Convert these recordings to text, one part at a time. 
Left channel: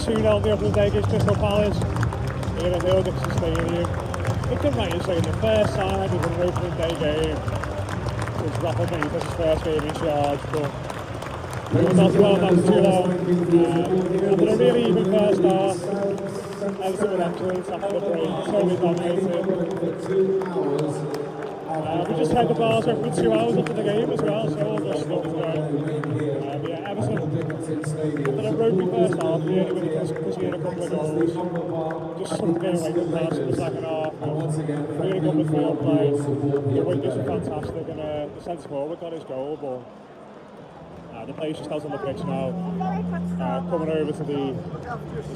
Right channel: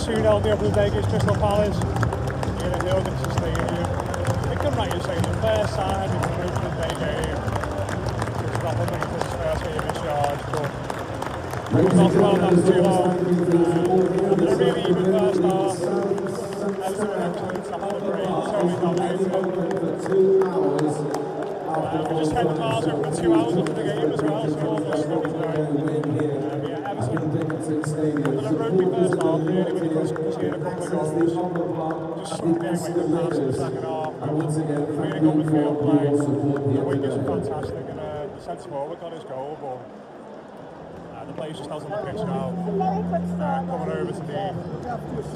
2-0 the opening day against Crystal Palace in a Hill Dixon Stadium. It can right in saying the first time it was an opening day game. It was Rafa Benitez's first game in charge, but it was not well enough too long. After a really even first half, Everton were excellent after the break, totally dominated. We just had the bars over for 2 hours after the game as well, so all those stuff was great. Everton, after a ropey first half, really, when you conceded a couple of goals, just sunk the game away from Palace in the second half. Really good midfield play, the wingers were fantastic, and the centre forward got his goal, but the players just out on the pitch now, coming over to the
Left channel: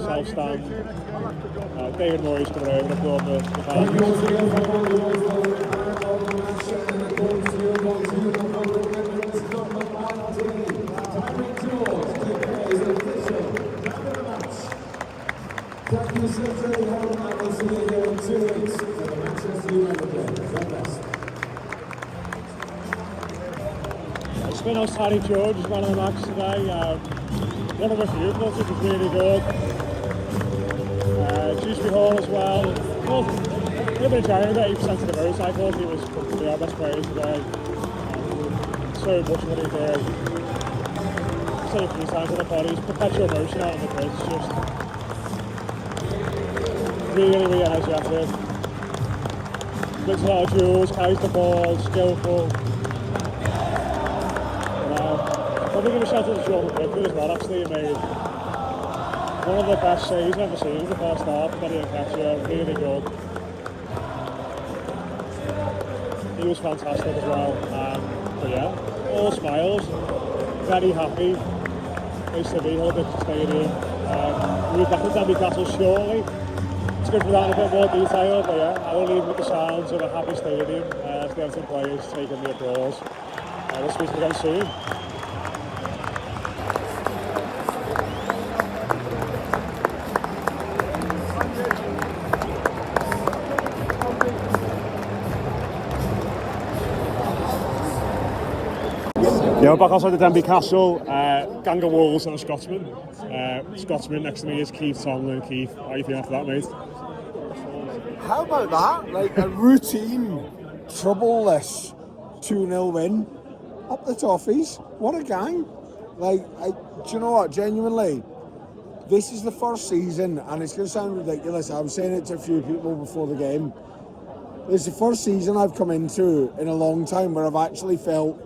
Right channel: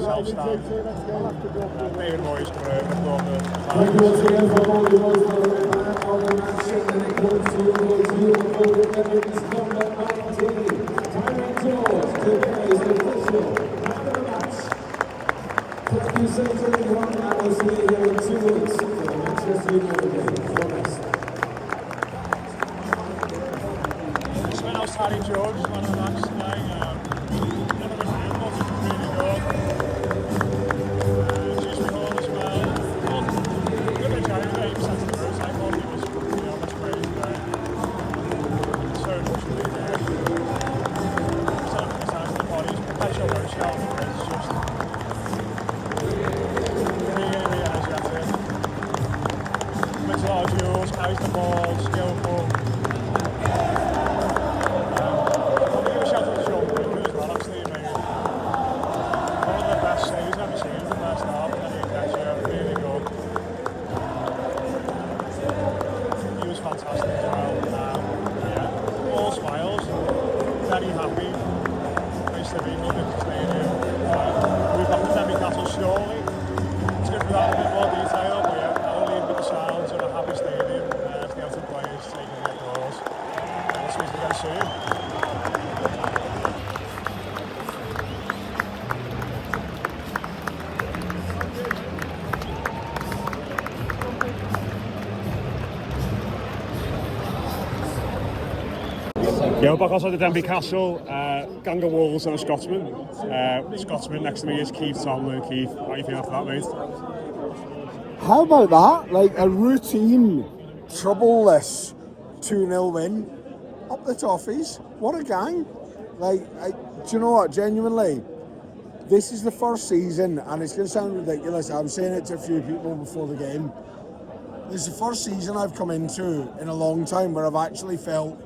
south stand. David Moyes coming over for the Harry George is one of the matches today. One of a few, thought it was really good. Dewsbury Hall as well. A bit of Jared, about 8% of the votes. I thought he was the honest player today. So much what he did. Set up 3 times on the body. He's perpetual motion out on the pitch. Just really energetic. Wins a lot of duels, carries the ball, skillful. Shout out to Sean Pickford as well, actually. He made one of the best saves I've ever seen in the first half. Very catcher, really good. He was fantastic as well. All smiles, very happy. Place to be, Hill Dixon Stadium. We'll be back in Denbigh Castle shortly. It's good for that in a bit more detail, but I'll leave with the sounds of a happy stadium. It's the Everton players taking the applause. We'll speak again soon. Yeah, back outside the Denbigh Castle, gang of Wolves and a Scotsman. Scotsman next to me is Keith Tomlin. Keith, how are you feeling after that, mate? How about that? Like a routine, troubleless 2-0 win up the Toffees. What a gang. Do you know what, genuinely, this is the first season, and it's going to sound ridiculous, I was saying it to a few people before the game, it's the first season I've come into in a long time where I've actually felt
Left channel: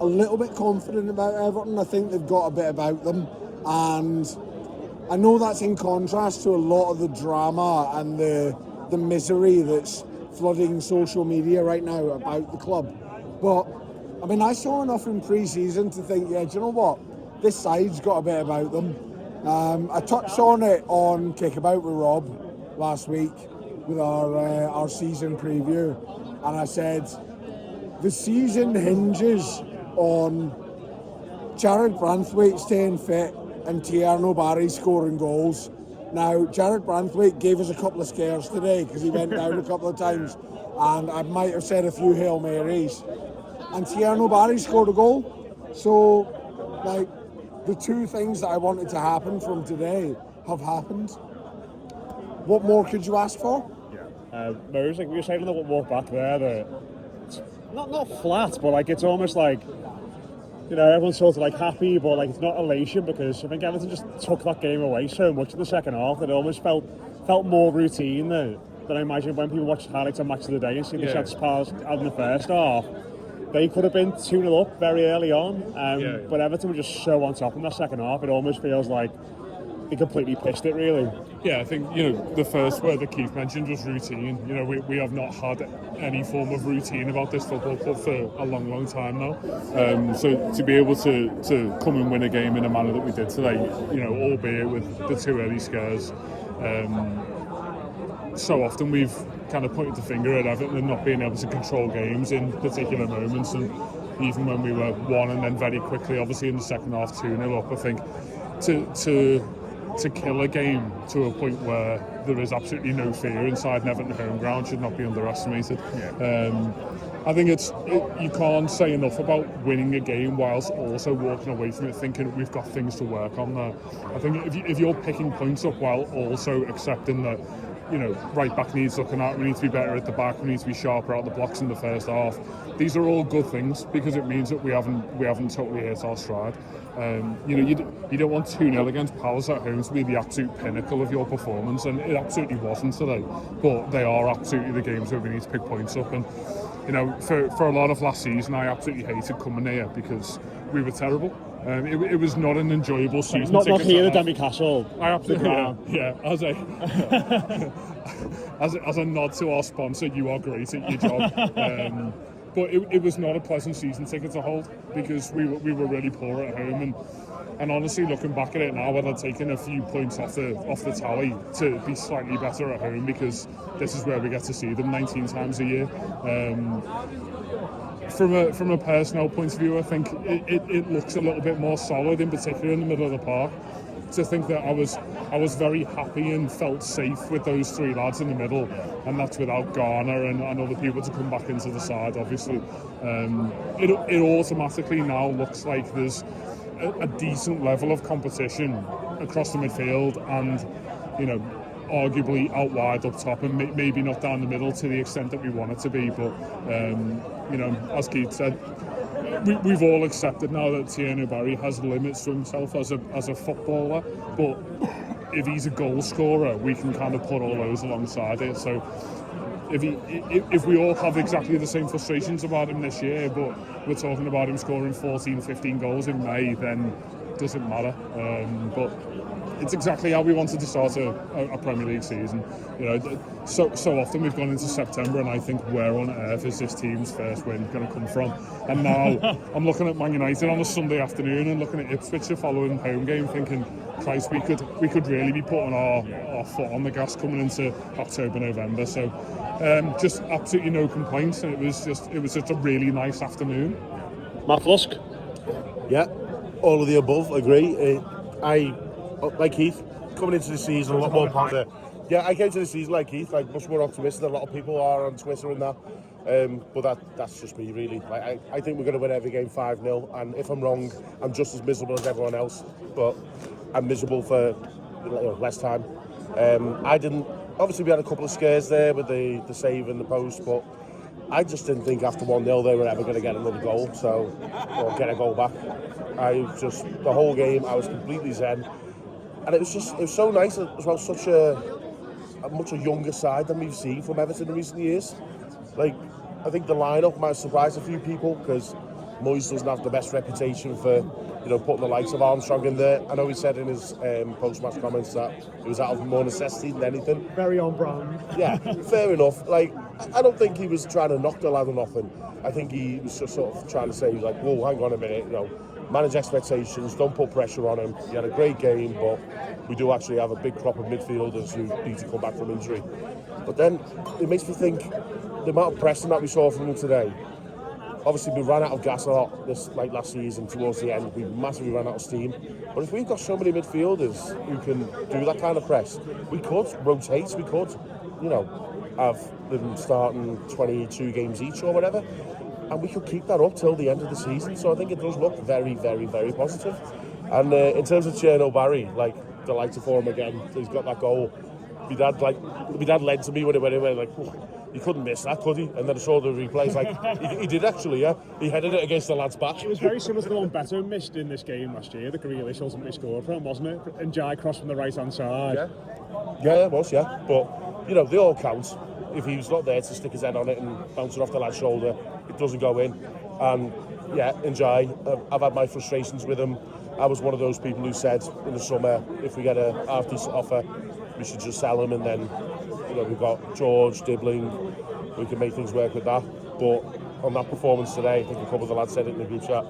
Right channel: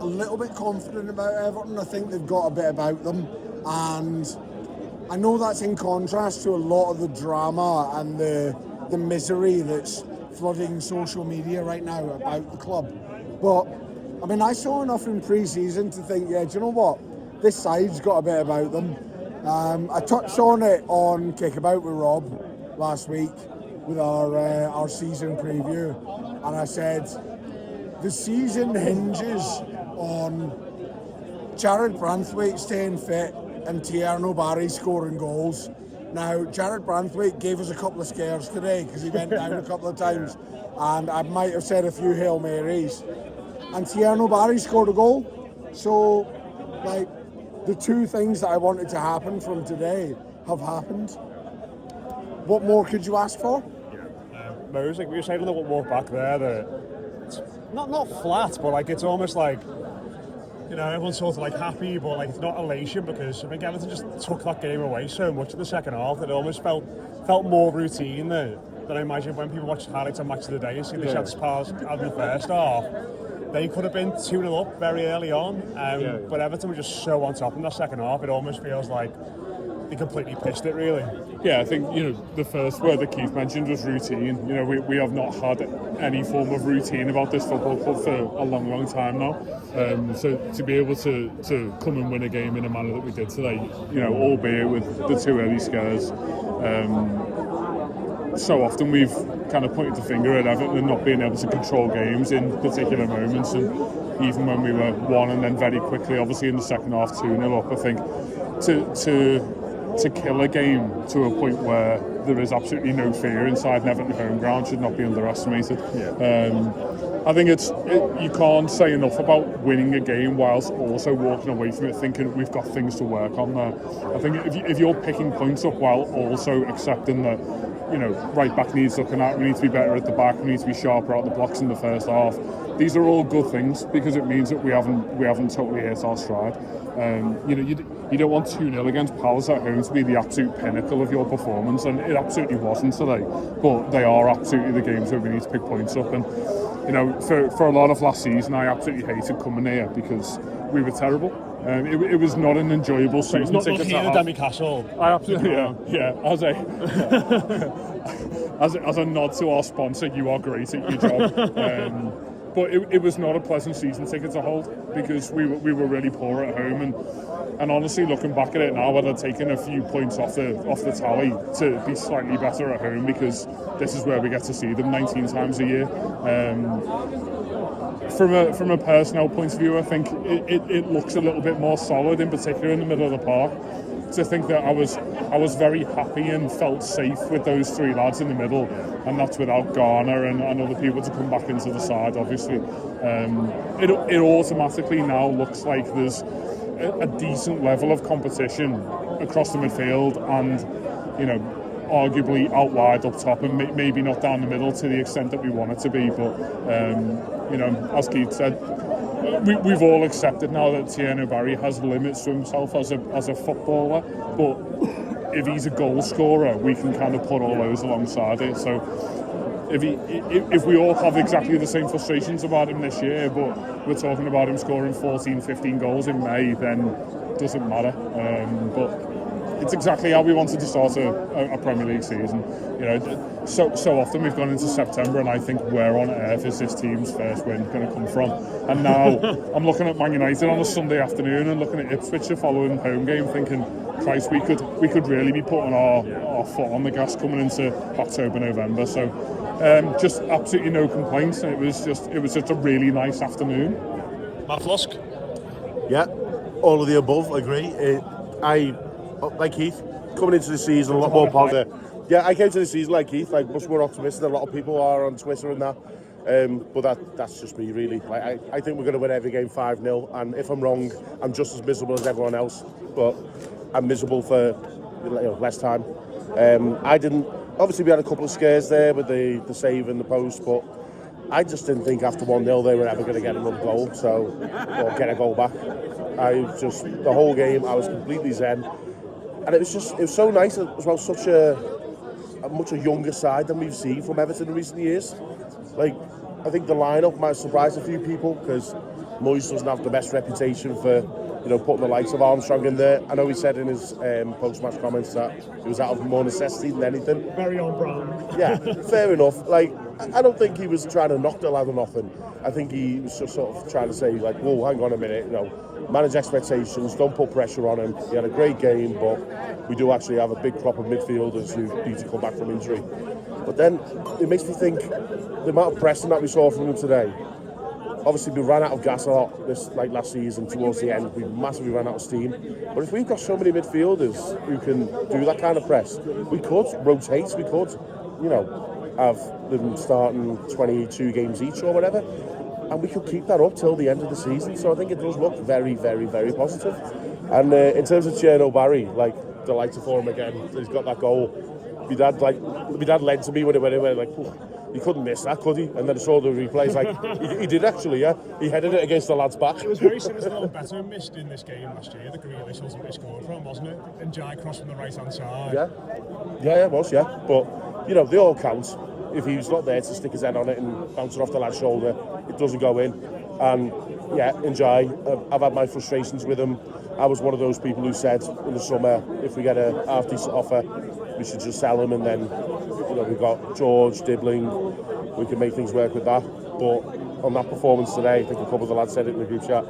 a little bit confident about Everton. I think they've got a bit about them, and I know that's in contrast to a lot of the drama and the misery that's flooding social media right now about the club. But I mean, I saw enough in pre-season to think, do you know what, this side's got a bit about them. I touched on it on Kickabout with Rob last week with our season preview, and I said the season hinges on Jared Branthwaite staying fit and Tierno Barry scoring goals. Now, Jared Branthwaite gave us a couple of scares today because he went down a couple of times, and I might have said a few Hail Marys. And Tierno Barry scored a goal. So, the 2 things that I wanted to happen from today have happened. What more could you ask for? Yeah. Mose, like we were saying on the walk back there, that it's not flat, but it's almost like, everyone's sort of happy, but it's not elation, because I think Everton just took that game away so much in the second half that it almost felt more routine than I imagine when people watch highlights on Match of the Day and see the shots passed out in the first half. They could have been 2-0 up very early on, but Everton were just so on top in the second half. It almost feels like they completely pissed it, really. Yeah, I think, the first word that Keith mentioned was routine. We have not had any form of routine about this football club for a long, long time now. So to be able to come and win a game in a manner that we did today, albeit with the 2 early scares, so often we've kind of pointed the finger at Everton and not being able to control games in particular moments, and even when we were 1 and then very quickly, obviously in the second half 2-0 up, I think to to kill a game to a point where there is absolutely no fear inside an Everton home ground should not be underestimated. I think you can't say enough about winning a game whilst also walking away from it thinking we've got things to work on there. I think if you're picking points up while also accepting that, right back needs looking at, we need to be better at the back, we need to be sharper at the blocks in the first half. These are all good things because it means that we haven't totally hit our stride. You don't want 2-0 against Palace at home to be the absolute pinnacle of your performance, and it absolutely wasn't today. But they are absolutely the games where we need to pick points up. And for a lot of last season, I absolutely hated coming here because we were terrible. It was not an enjoyable season. Not here at Denbigh Castle. I absolutely as a nod to our sponsor, you are great at your job. But it was not a pleasant season ticket to hold because we were really poor at home, and honestly, looking back at it now, I'd have taken a few points off the tally to be slightly better at home because this is where we get to see them 19 times a year. From a personnel point of view, I think it looks a little bit more solid, in particular in the middle of the park. To think that I was very happy and felt safe with those three lads in the middle, and that's without Garner and other people to come back into the side. Obviously, it automatically now looks like there's a decent level of competition across the midfield, and arguably out wide up top, and maybe not down the middle to the extent that we want it to be. But as Keith said, we've all accepted now that Tierney Barry has limits to himself as a footballer, but if he's a goal scorer, we can kind of put all those alongside it. So if we all have exactly the same frustrations about him this year, but we're talking about him scoring 14, 15 goals in May, then it doesn't matter. But it's exactly how we wanted to start a Premier League season. So often we've gone into September and I think, where on earth is this team's first win going to come from? And now I'm looking at Man United on a Sunday afternoon and looking at Ipswich, the following home game, thinking, Christ, we could really be putting our foot on the gas coming into October, November. So just absolutely no complaints. It was such a really nice afternoon. Matt Flusk? Yeah, all of the above, agree. Like Keith, coming into the season a lot more positive. Yeah, I came to the season like Keith, like much more optimistic than a lot of people are on Twitter and that. But that's just me, really. I think we're going to win every game 5-0, and if I'm wrong, I'm just as miserable as everyone else. But I'm miserable for less time. Obviously, we had a couple of scares there with the save and the post, but I just didn't think after 1-0 they were ever going to get another goal, or get a goal back. The whole game, I was completely zen. And it was so nice as well, such a much younger side than we've seen from Everton in recent years. Like, I think the lineup might have surprised a few people because Moyes doesn't have the best reputation for, putting the likes of Armstrong in there. I know he said in his post-match comments that it was out of more necessity than anything. Very on brand. Yeah, fair enough. Like, I don't think he was trying to knock the lad or nothing. I think he was just sort of trying to say, like, whoa, hang on a minute, manage expectations, don't put pressure on him. He had a great game, but we do actually have a big crop of midfielders who need to come back from injury. But then it makes me think the amount of pressing that we saw from him today. Obviously, we ran out of gas a lot last season towards the end. We massively ran out of steam. But if we've got so many midfielders who can do that kind of press, we could rotate. We could, have them starting 22 games each or whatever. And we could keep that up till the end of the season. So I think it does look very, very, very positive. And in terms of Tierney Barry, delighted for him again. He's got that goal. My dad led to me when it went in, like, he couldn't miss that, could he? And then I saw the replays, he did actually, yeah. He headed it against the lad's back. It was very similar to the one Beto missed in this game last year, the Grealish ultimately scored from, wasn't it? And Jai crossed from the right-hand side. Yeah, it was, yeah. But, they all count. If he's not there to stick his head on it and bounce it off the lad's shoulder, it doesn't go in. And, yeah, Jai, I've had my frustrations with him. I was one of those people who said in the summer, if we get a half-decent offer, we should just sell him, and then, we've got George, Dibbling, we can make things work with that. But on that performance today, I think a couple of the lads said it in the group chat,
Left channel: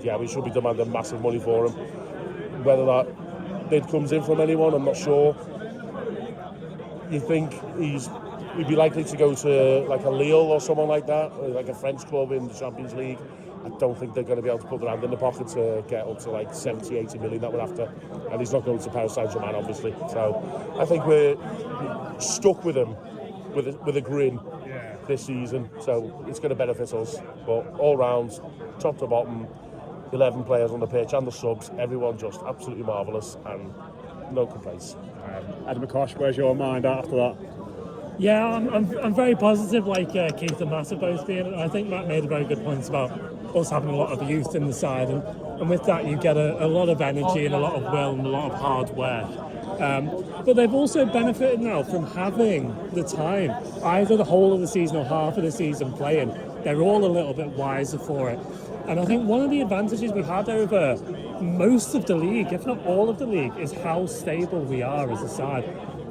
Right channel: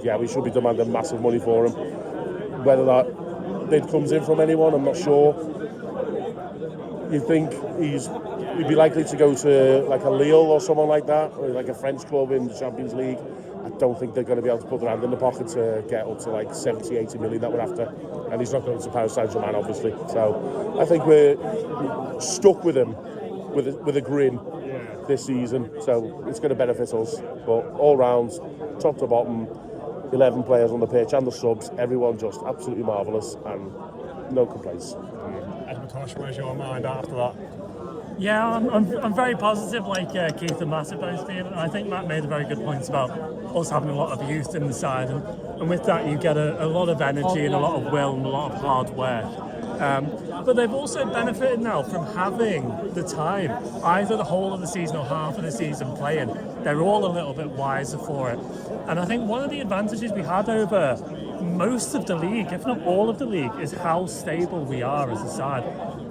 yeah, we should be demanding massive money for him. Whether that bid comes in from anyone, I'm not sure. You think he'd be likely to go to like a Lille or someone like that, or like a French club in the Champions League? I don't think they're going to be able to put their hand in the pocket to get up to like 70, 80 million that we're after. and he's not going to Paris Saint-Germain, obviously. So I think we're stuck with him with a grin this season. So it's going to benefit us. But all round, top to bottom, 11 players on the pitch and the subs, everyone just absolutely marvellous and no complaints. Adam McCosh, where's your mind at after that? Yeah, I'm very positive, like Keith and Matt have both been. And I think Matt made a very good point about us having a lot of youth in the side, and with that you get a lot of energy and a lot of will and a lot of hard work. But they've also benefited now from having the time, either the whole of the season or half of the season playing. They're all a little bit wiser for it. And I think one of the advantages we had over most of the league, if not all of the league, is how stable we are as a side.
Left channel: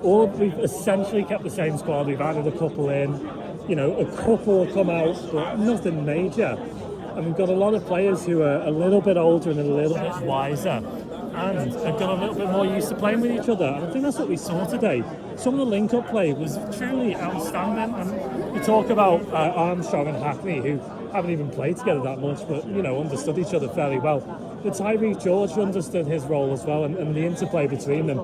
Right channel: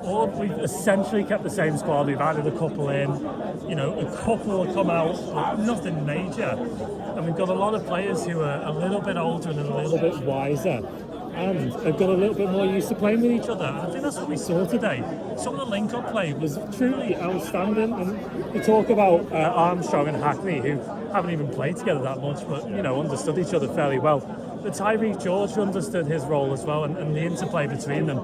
We've essentially kept the same squad. We've added a couple in, a couple will come out, but nothing major. And we've got a lot of players who are a little bit older and a little bit wiser, and have got a little bit more used to playing with each other. And I think that's what we saw today. Some of the link-up play was truly outstanding. And we talk about Armstrong and Hackney, who haven't even played together that much, but understood each other fairly well. But Tyreek George understood his role as well, and the interplay between them,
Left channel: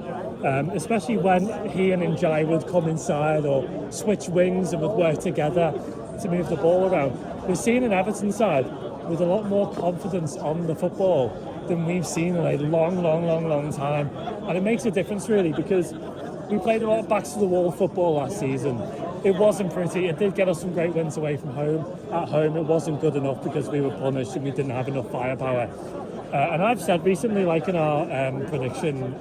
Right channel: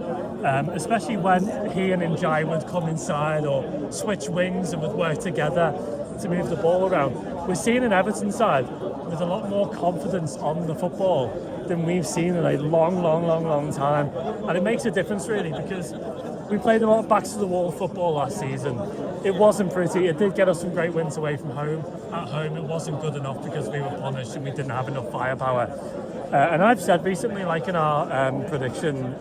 especially when he and Njai would come inside or switch wings and would work together to move the ball around. We're seeing an Everton side with a lot more confidence on the football than we've seen in a long time, and it makes a difference really, because we played a lot of backs to the wall football last season. It wasn't pretty. It did get us some great wins away from home. At home it wasn't good enough because we were punished and we didn't have enough firepower. And I've said recently, like in our prediction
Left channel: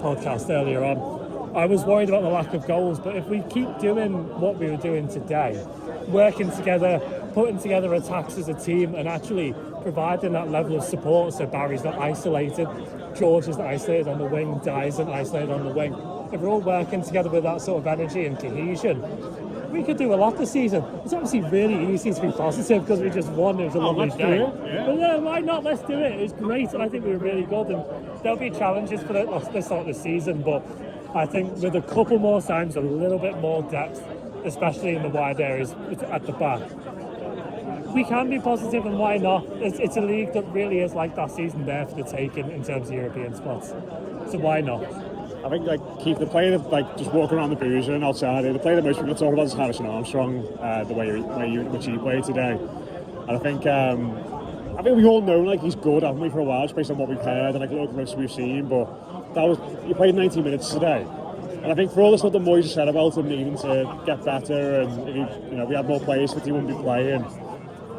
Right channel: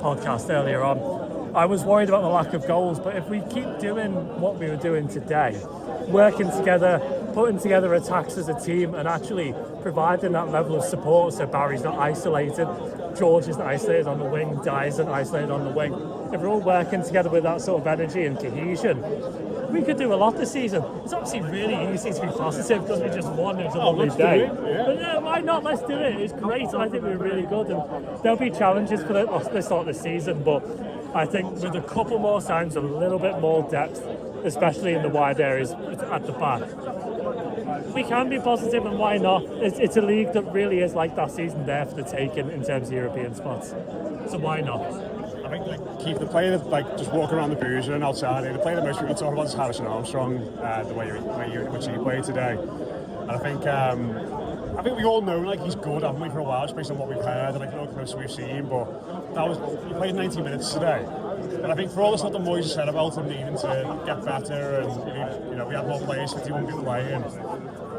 podcast earlier on, I was worried about the lack of goals, but if we keep doing what we were doing today, working together, putting together attacks as a team and actually providing that level of support, so Barry's not isolated, George isn't isolated on the wing, Di isn't isolated on the wing. If we're all working together with that sort of energy and cohesion, we could do a lot this season. It's obviously really easy to be positive because we just won. It was a lovely day. But yeah, why not? Let's do it. It's great. I think we were really good, and there'll be challenges for this start of the season. But I think with a couple more signs, a little bit more depth, especially in the wide areas at the back, we can be positive, and why not? It's a league that really is like that season there for the taking in terms of European spots. So why not? I think Keith, the player that just walking around the boozer and outside, the player that most people talk about is Harrison Armstrong, which he played today. And I think we all know he's good, haven't we, for a while, just based on what we've heard and little clips we've seen. But he played 90 minutes today. And I think for all the stuff that Moyes said about him needing to get better, and we had more players that he wouldn't be playing,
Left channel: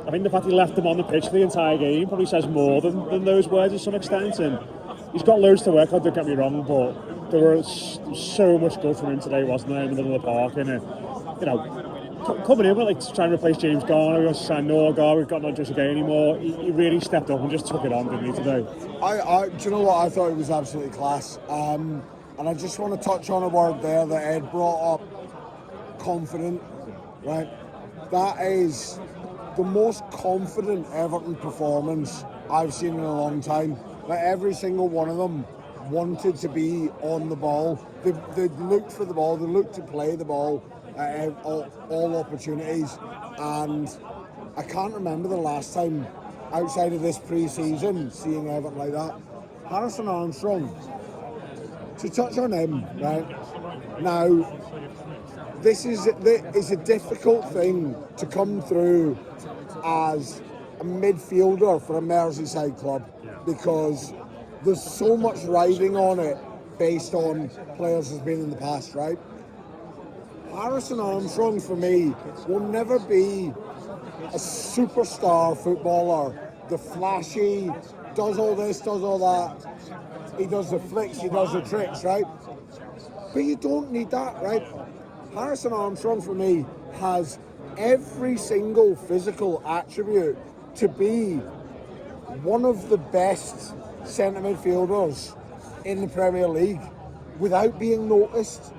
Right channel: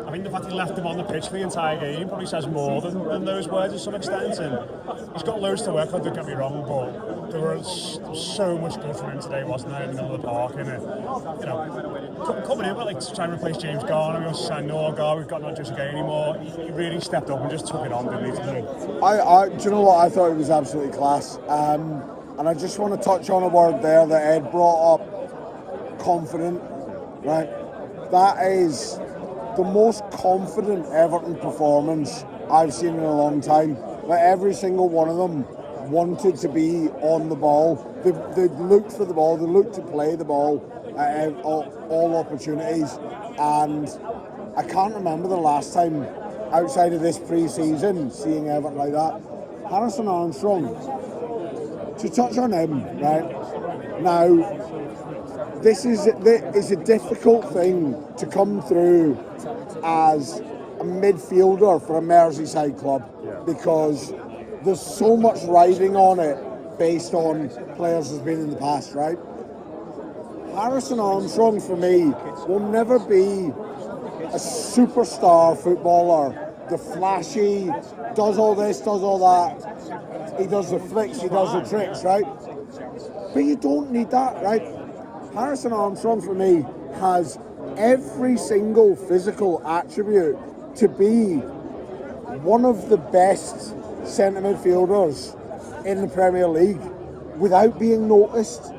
I think the fact he left him on the pitch for the entire game probably says more than those words to some extent. And he's got loads to work on, don't get me wrong, but there was so much good from him today, wasn't there, in the middle of the park. And coming in with to try and replace James Garner, we want to sign Noah Gar, we've got not just a game anymore. He really stepped up and just took it on, didn't he, today? Do you know what? I thought it was absolutely class. And I just want to touch on a word there that Ed brought up, confident, right? That is the most confident Everton performance I've seen in a long time. Every single one of them wanted to be on the ball. They looked for the ball, they looked to play the ball at all opportunities. And I can't remember the last time outside of this pre-season seeing Everton like that. Harrison Armstrong, to touch on him, right? Now, this is a difficult thing to come through as a midfielder for a Merseyside club, because there's so much riding on it based on players who've been in the past, right? Harrison Armstrong, for me, will never be a superstar footballer, the flashy, does all this, does all that, he does the flicks, he does the tricks, right? But you don't need that, right? Harrison Armstrong, for me, has every single physical attribute to be one of the best centre midfielders in the Premier League without being noticed.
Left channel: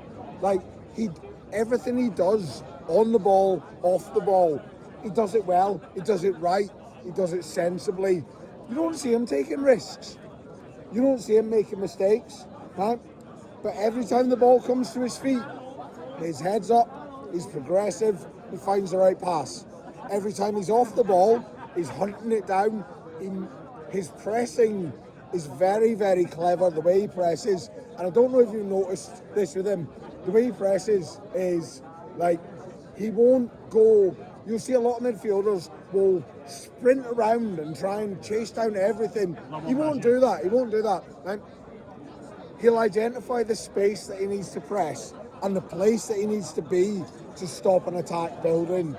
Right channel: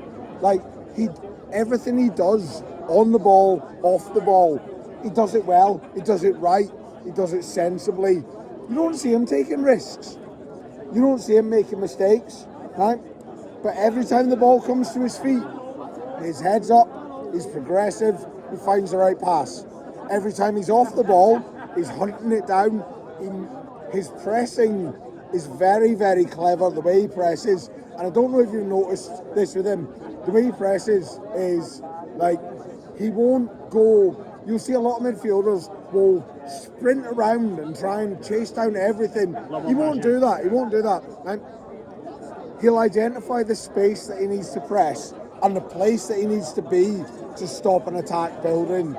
Everything he does on the ball, off the ball, he does it well, he does it right, he does it sensibly. You don't see him taking risks. You don't see him making mistakes, right? But every time the ball comes to his feet, his head's up, he's progressive, he finds the right pass. Every time he's off the ball, he's hunting it down. His pressing is very, very clever, the way he presses. And I don't know if you've noticed this with him. The way he presses is like, he won't go. You'll see a lot of midfielders will sprint around and try and chase down everything. He won't do that. He won't do that. And he'll identify the space that he needs to press and the place that he needs to be to stop an attack building.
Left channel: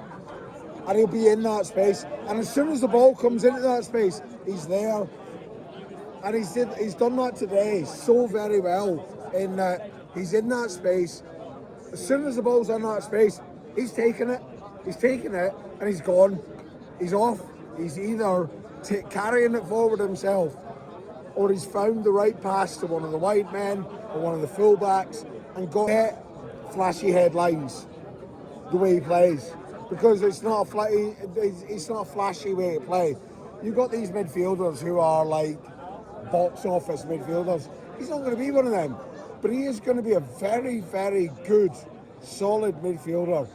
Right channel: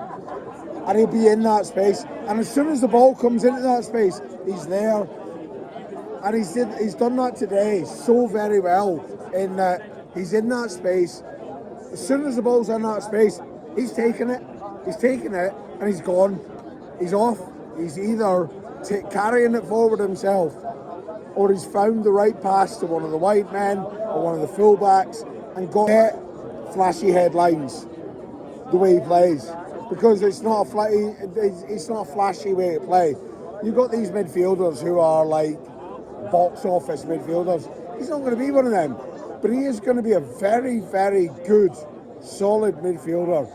And he'll be in that space. And as soon as the ball comes into that space, he's there. And he's done that today so very well, in that he's in that space. As soon as the ball's in that space, he's taking it. He's taking it and he's gone. He's off. He's either carrying it forward himself, or he's found the right pass to one of the wide men or one of the fullbacks and got flashy headlines the way he plays. Because it's not a flashy way to play. You've got these midfielders who are like box office midfielders. He's not going to be one of them, but he is going to be a very, very good, solid midfielder.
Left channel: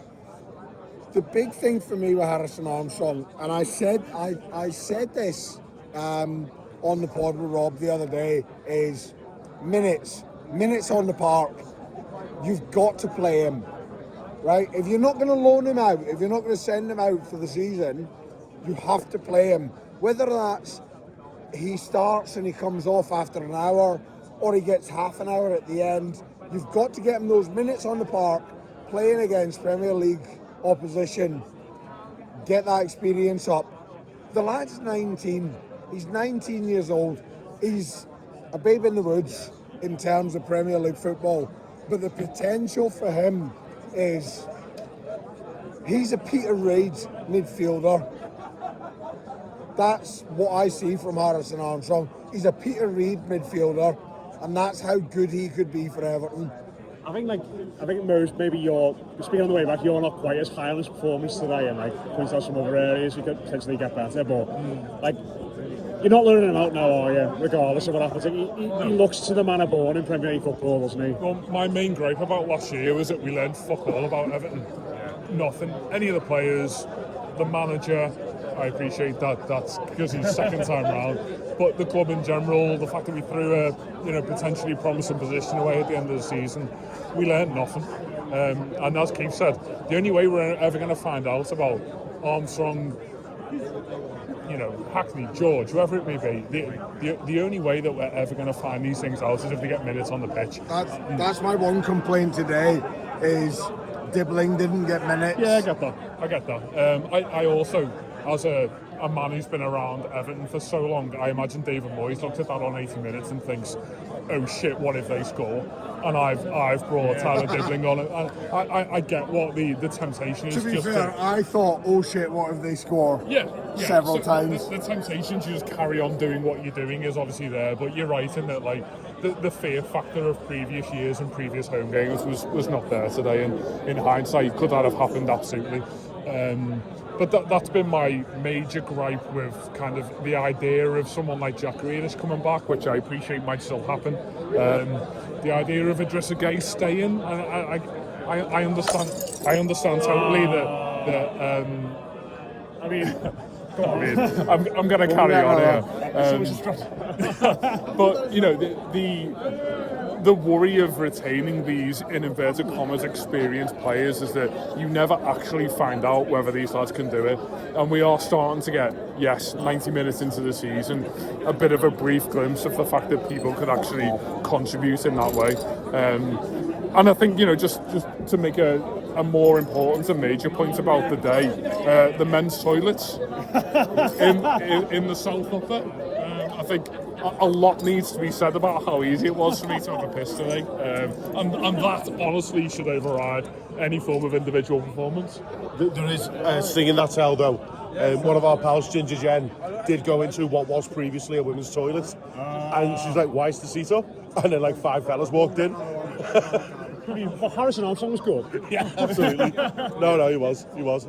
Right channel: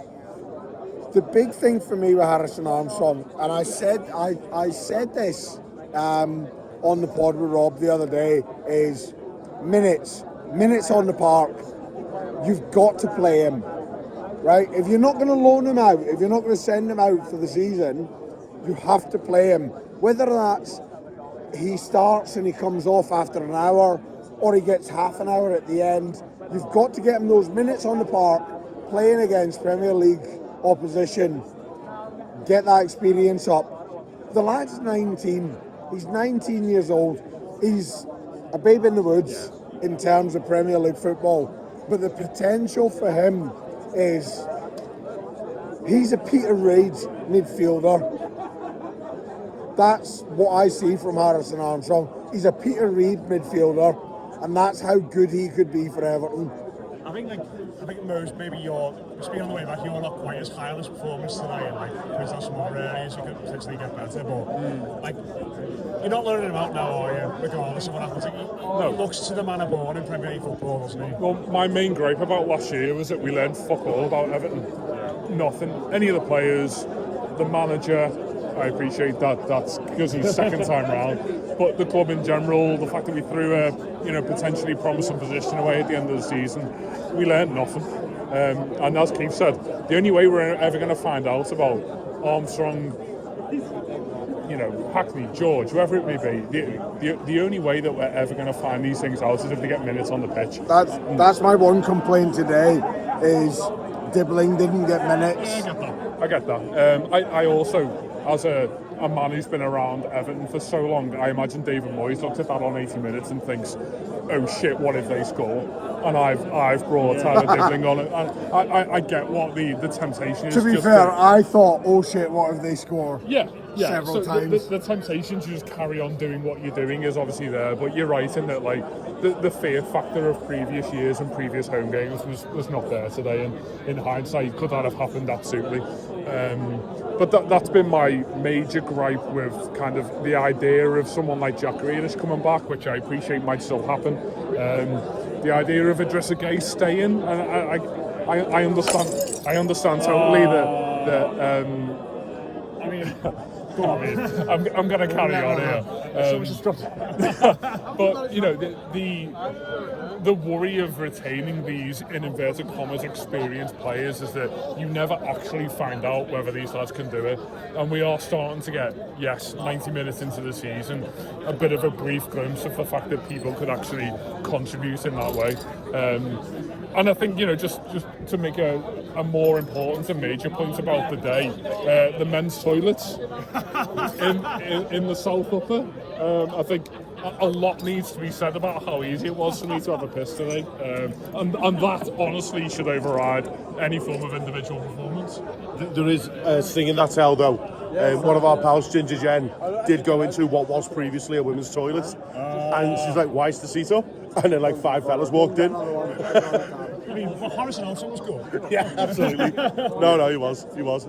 The big thing for me with Harrison Armstrong, and I said this on the pod with Rob the other day, is minutes on the park. You've got to play him, right? If you're not going to loan him out, if you're not going to send him out for the season, you have to play him. Whether that's he starts and he comes off after an hour, or he gets half an hour at the end, you've got to get him those minutes on the park, playing against Premier League opposition. Get that experience up. The lad's 19. He's 19 years old. He's a babe in the woods in terms of Premier League football. But the potential for him is, he's a Peter Reid midfielder. That's what I see from Harrison Armstrong. He's a Peter Reid midfielder, and that's how good he could be for Everton. I think Mose, maybe you're speaking on the way back, you're not quite as high on his performance today, and like points out some other areas he could potentially get better, but like, you're not learning him out now, are you? Regardless of what happens, like, he looks to the manner born in Premier League football, doesn't he? Well, my main gripe about last year was that we learned fuck all about Everton. Nothing. Any of the players, the manager. I appreciate that. That's because he's second time round. But the club in general, the fact that we threw a potentially promising position away at the end of the season, we learned nothing. And as Keith said, the only way we're ever going to find out about Armstrong, Hackney, George, whoever it may be, the only way that we're ever going to find these things out is if we get minutes on the pitch. That's my one complaint today, is Dibbling didn't get minutes. Yeah, I get that. I also, as a man who's been around Everton for so long, I imagine David Moyes looks at that on 80 minutes and thinks, oh shit, what if they score? And I've brought Tyler Dibbling on it. I get what the temptation is. To be fair, I thought, oh shit, what if they score? Yeah. Several times. The temptation to just carry on doing what you're doing is obviously there, but you're right in that, like, the fear factor of previous years and previous home games was not there today, and in hindsight, could that have happened? Absolutely. But that's been my major gripe with kind of the idea of someone like Jack Grealish coming back, which I appreciate might still happen. The idea of Idrissa Gueye staying, I understand totally that. I mean, I'm going to carry on here. But the worry of retaining these, in inverted commas, experienced players is that you never actually find out whether these lads can do it. And we are starting to get, 90 minutes into the season, a bit of a brief glimpse of the fact that people could actually contribute in that way. And I think, just to make a more important and major point about the day, the men's toilets in the South Upper. I think a lot needs to be said about how easy it was for me to have a piss today. And that honestly should override any form of individual performance. There is singing that tell though. One of our pals, Ginger Jen, did go into what was previously a women's toilet, and she's like, "Why is the seat up?" And then like 5 fellas walked in. I mean, Harrison Armstrong was good. Yeah, absolutely. No, he was.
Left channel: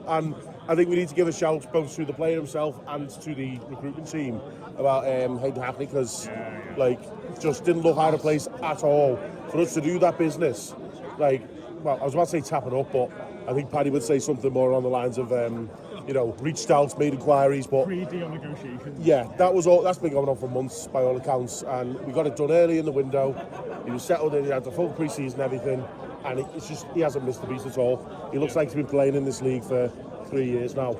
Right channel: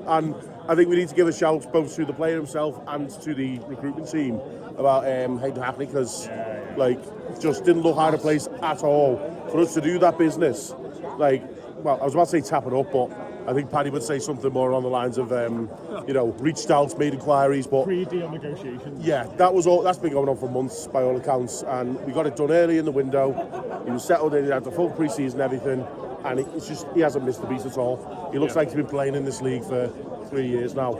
And I think we need to give a shout both to the player himself and to the recruitment team about Hayden Hackney, because just didn't look out of place at all for us to do that business. I was about to say tap it up, but I think Paddy would say something more on the lines of, reached out, made inquiries, but Pre-deal negotiations. yeah, that's been going on for months by all accounts, and we got it done early in the window. He was settled in, he had the full pre-season, everything, and it's just, he hasn't missed a beat at all. He looks like he's been playing in this league for 3 years now.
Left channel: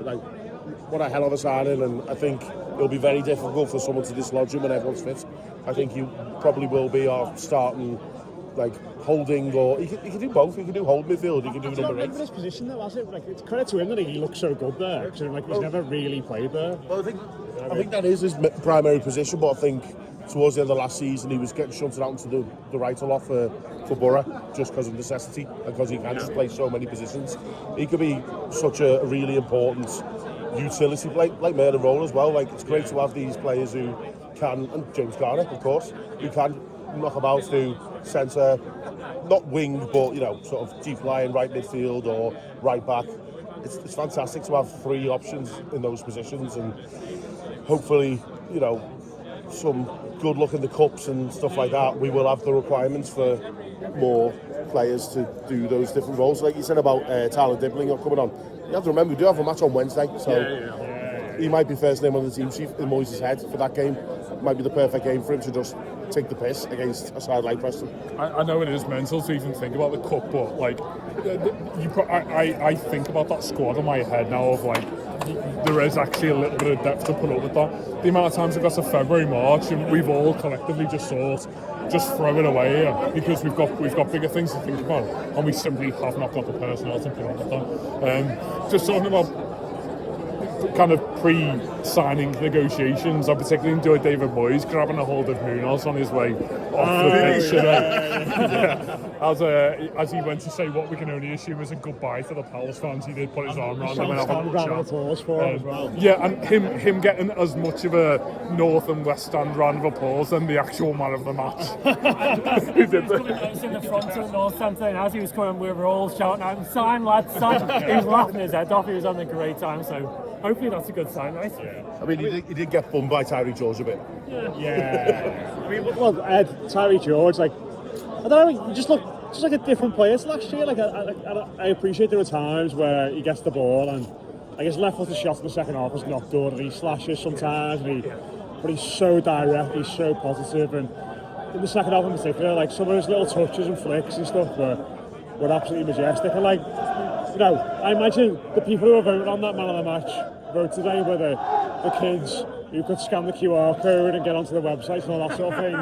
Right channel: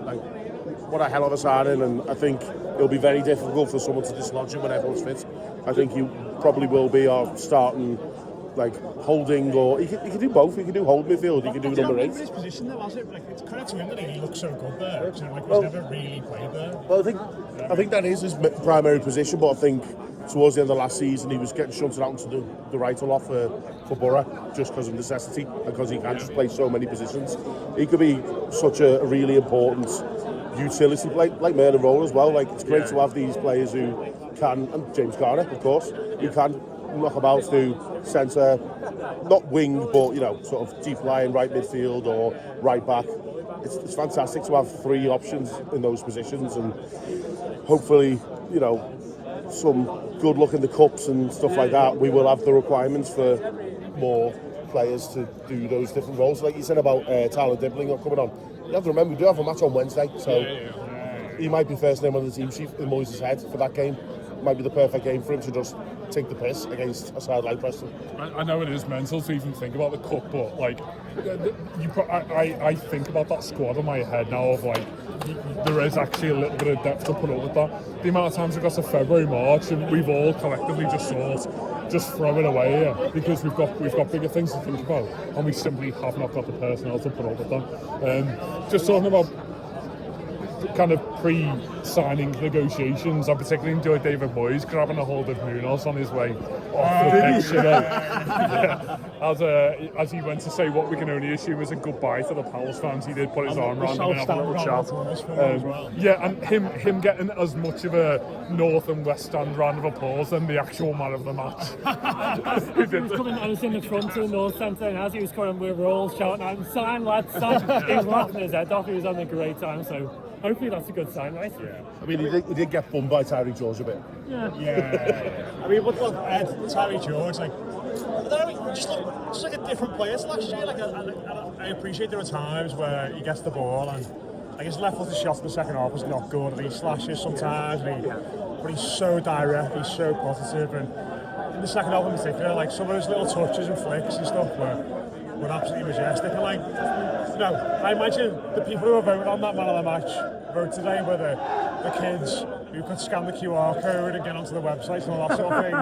Like, what a hell of a signing, and I think it'll be very difficult for someone to dislodge him when everyone's fit. I think he probably will be our starting, like, holding, or he can do both. He can do hold midfield, he can do number 8. His position there, was it? Like, it's credit to him that he looks so good there, because like, he's never really played there. Well, I think that is his primary position, but I think towards the end of last season he was getting shunted out into the right a lot for Borough, just because of necessity, and because he can just play so many positions. He could be such a really important utility, like Merlin Roll as well. Like, it's great to have these players who can, and James Garner, of course, who can knock about, do centre, not wing, but sort of deep line, right midfield or right back. It's fantastic to have 3 options in those positions, and hopefully, some good luck in the cups and stuff like that. We will have the requirements for more players to do those different roles. Like you said about Tyler Dibbling not coming on. You have to remember, we do have a match on Wednesday, so he might be first name on the team sheet in Moyes' head for that game. It might be the perfect game for him to just take the piss against a side like Preston. I know it is mental to even think about the cup, but like, I think about that squad in my head now of like, there is actually a little bit of depth to put up with that. The amount of times it got to February, March, and we've all collectively just throw it away here because we've got bigger things to think about, and we simply have not got the personnel to put up with them. Just talking about kind of pre-signing negotiations, I particularly enjoyed David Moyes grabbing a hold of Munoz on his way as he went to say what we can only assume was a goodbye to the Palace fans. He did put his arm around him and have a little chat. Yeah, and him getting as much of a North and West Stand round of applause than the actual man of the match. As he was coming, I was in the front of the North Stand, and as he was coming, we were all shouting out, "Sign, lads, sign!" He was laughing his head off. He was having a great time, so hopefully that's a good sign, right? Yeah. I mean, he did get bummed by Tyree George a bit. Yeah. I mean, but Ed, Tyree George, like, I don't know, he just looked just like a different player to last year. Like, I appreciate there are times where he gets the ball and I guess left-footed shot in the second half was not good, and he slashes sometimes, but he's so direct, he's so positive, and in the second half in particular, like, some of his little touches and flicks and stuff were absolutely majestic. And like, I imagine the people who are voting on that man of the match vote today were the kids who could scan the QR code and get onto the website and all that sort of thing.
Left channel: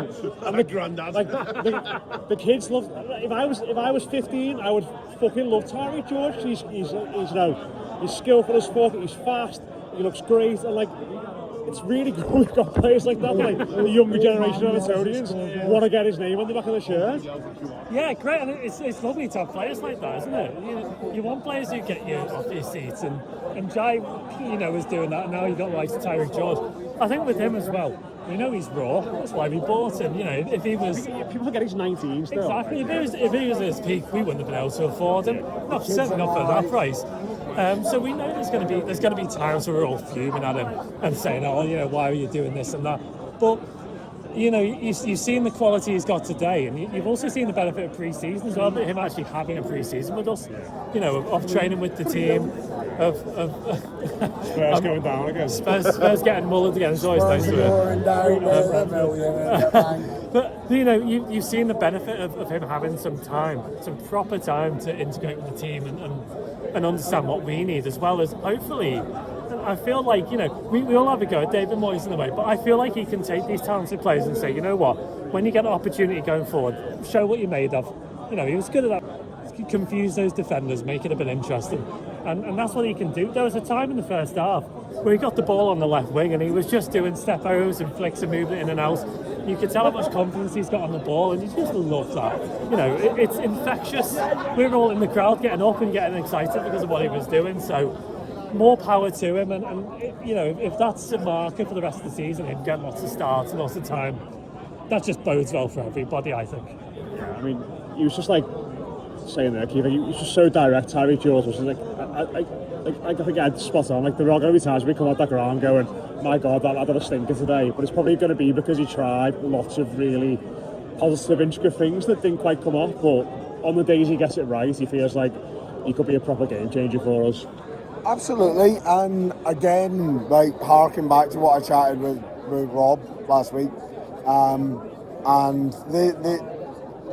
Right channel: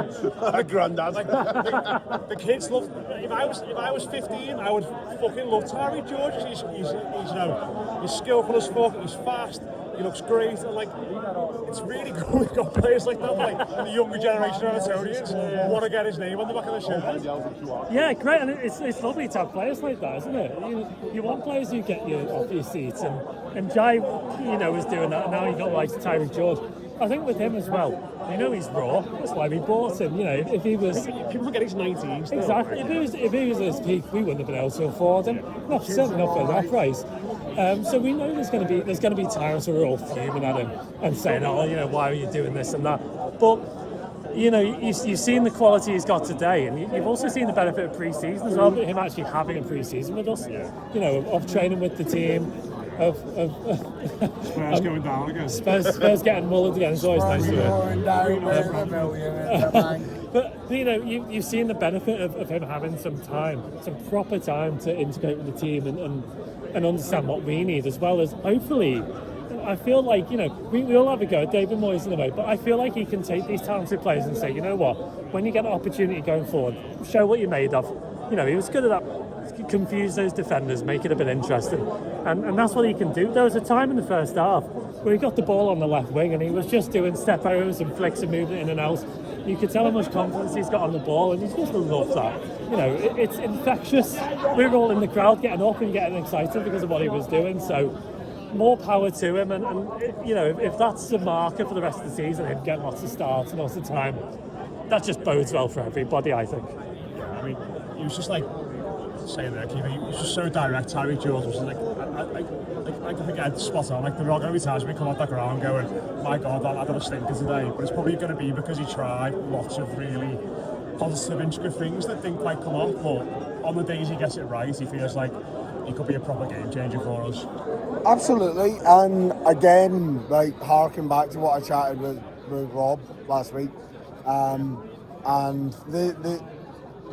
And the granddad, like, the kids love. If I was 15, I would fucking love Tyree George. He's skillful as fuck. He's fast. He looks great, and like, it's really good we've got players like that. Like, the younger generation of Evertonians want to get his name on the back of the shirt. Yeah, great, and it's lovely to have players like that, isn't it? You want players who get you off your seats, and Jai, was doing that, and now you don't like Tyree George. I think with him as well, we know he's raw, that's why we bought him. If he was... People forget he's 19 still. Exactly, if he was at his peak, we wouldn't have been able to afford him. Certainly not for that price. So we know there's going to be times where we're all fuming at him and saying, why are you doing this and that? But you've seen the quality he's got today, and you've also seen the benefit of pre-season as well. Him actually having a pre-season with us, of training with the team, of Spurs going down again. Spurs getting mullered again. It's always nice to But you've seen the benefit of him having some proper time to integrate with the team and understand what we need, as well as hopefully. I feel like, we all have a go at David Moyes in a way, but I feel like he can take these talented players and say, you know what, when you get an opportunity going forward, show what you're made of. He was good at that. Confuse those defenders, make it a bit interesting. And that's what he can do. There was a time in the first half where he got the ball on the left wing and he was just doing step-overs and flicks and moving in and out. You could tell how much confidence he's got on the ball, and you just love that. It's infectious. We were all in the crowd getting up and getting excited because of what he was doing, so more power to him, and if that's a marker for the rest of the season, him getting lots of starts and lots of time, that just bodes well for everybody, I think. Yeah, I mean, he was just like saying there, Keith, he was just so direct. Tyree George was like, I think I'd spot on. Like, there are going to be times we come out that ground going, my God, that had a stinker today, but it's probably going to be because he tried lots of really positive, intricate things that didn't quite come off, but on the days he gets it right, he feels like he could be a proper game changer for us. Absolutely, and again, like harking back to what I chatted with Rob last week, and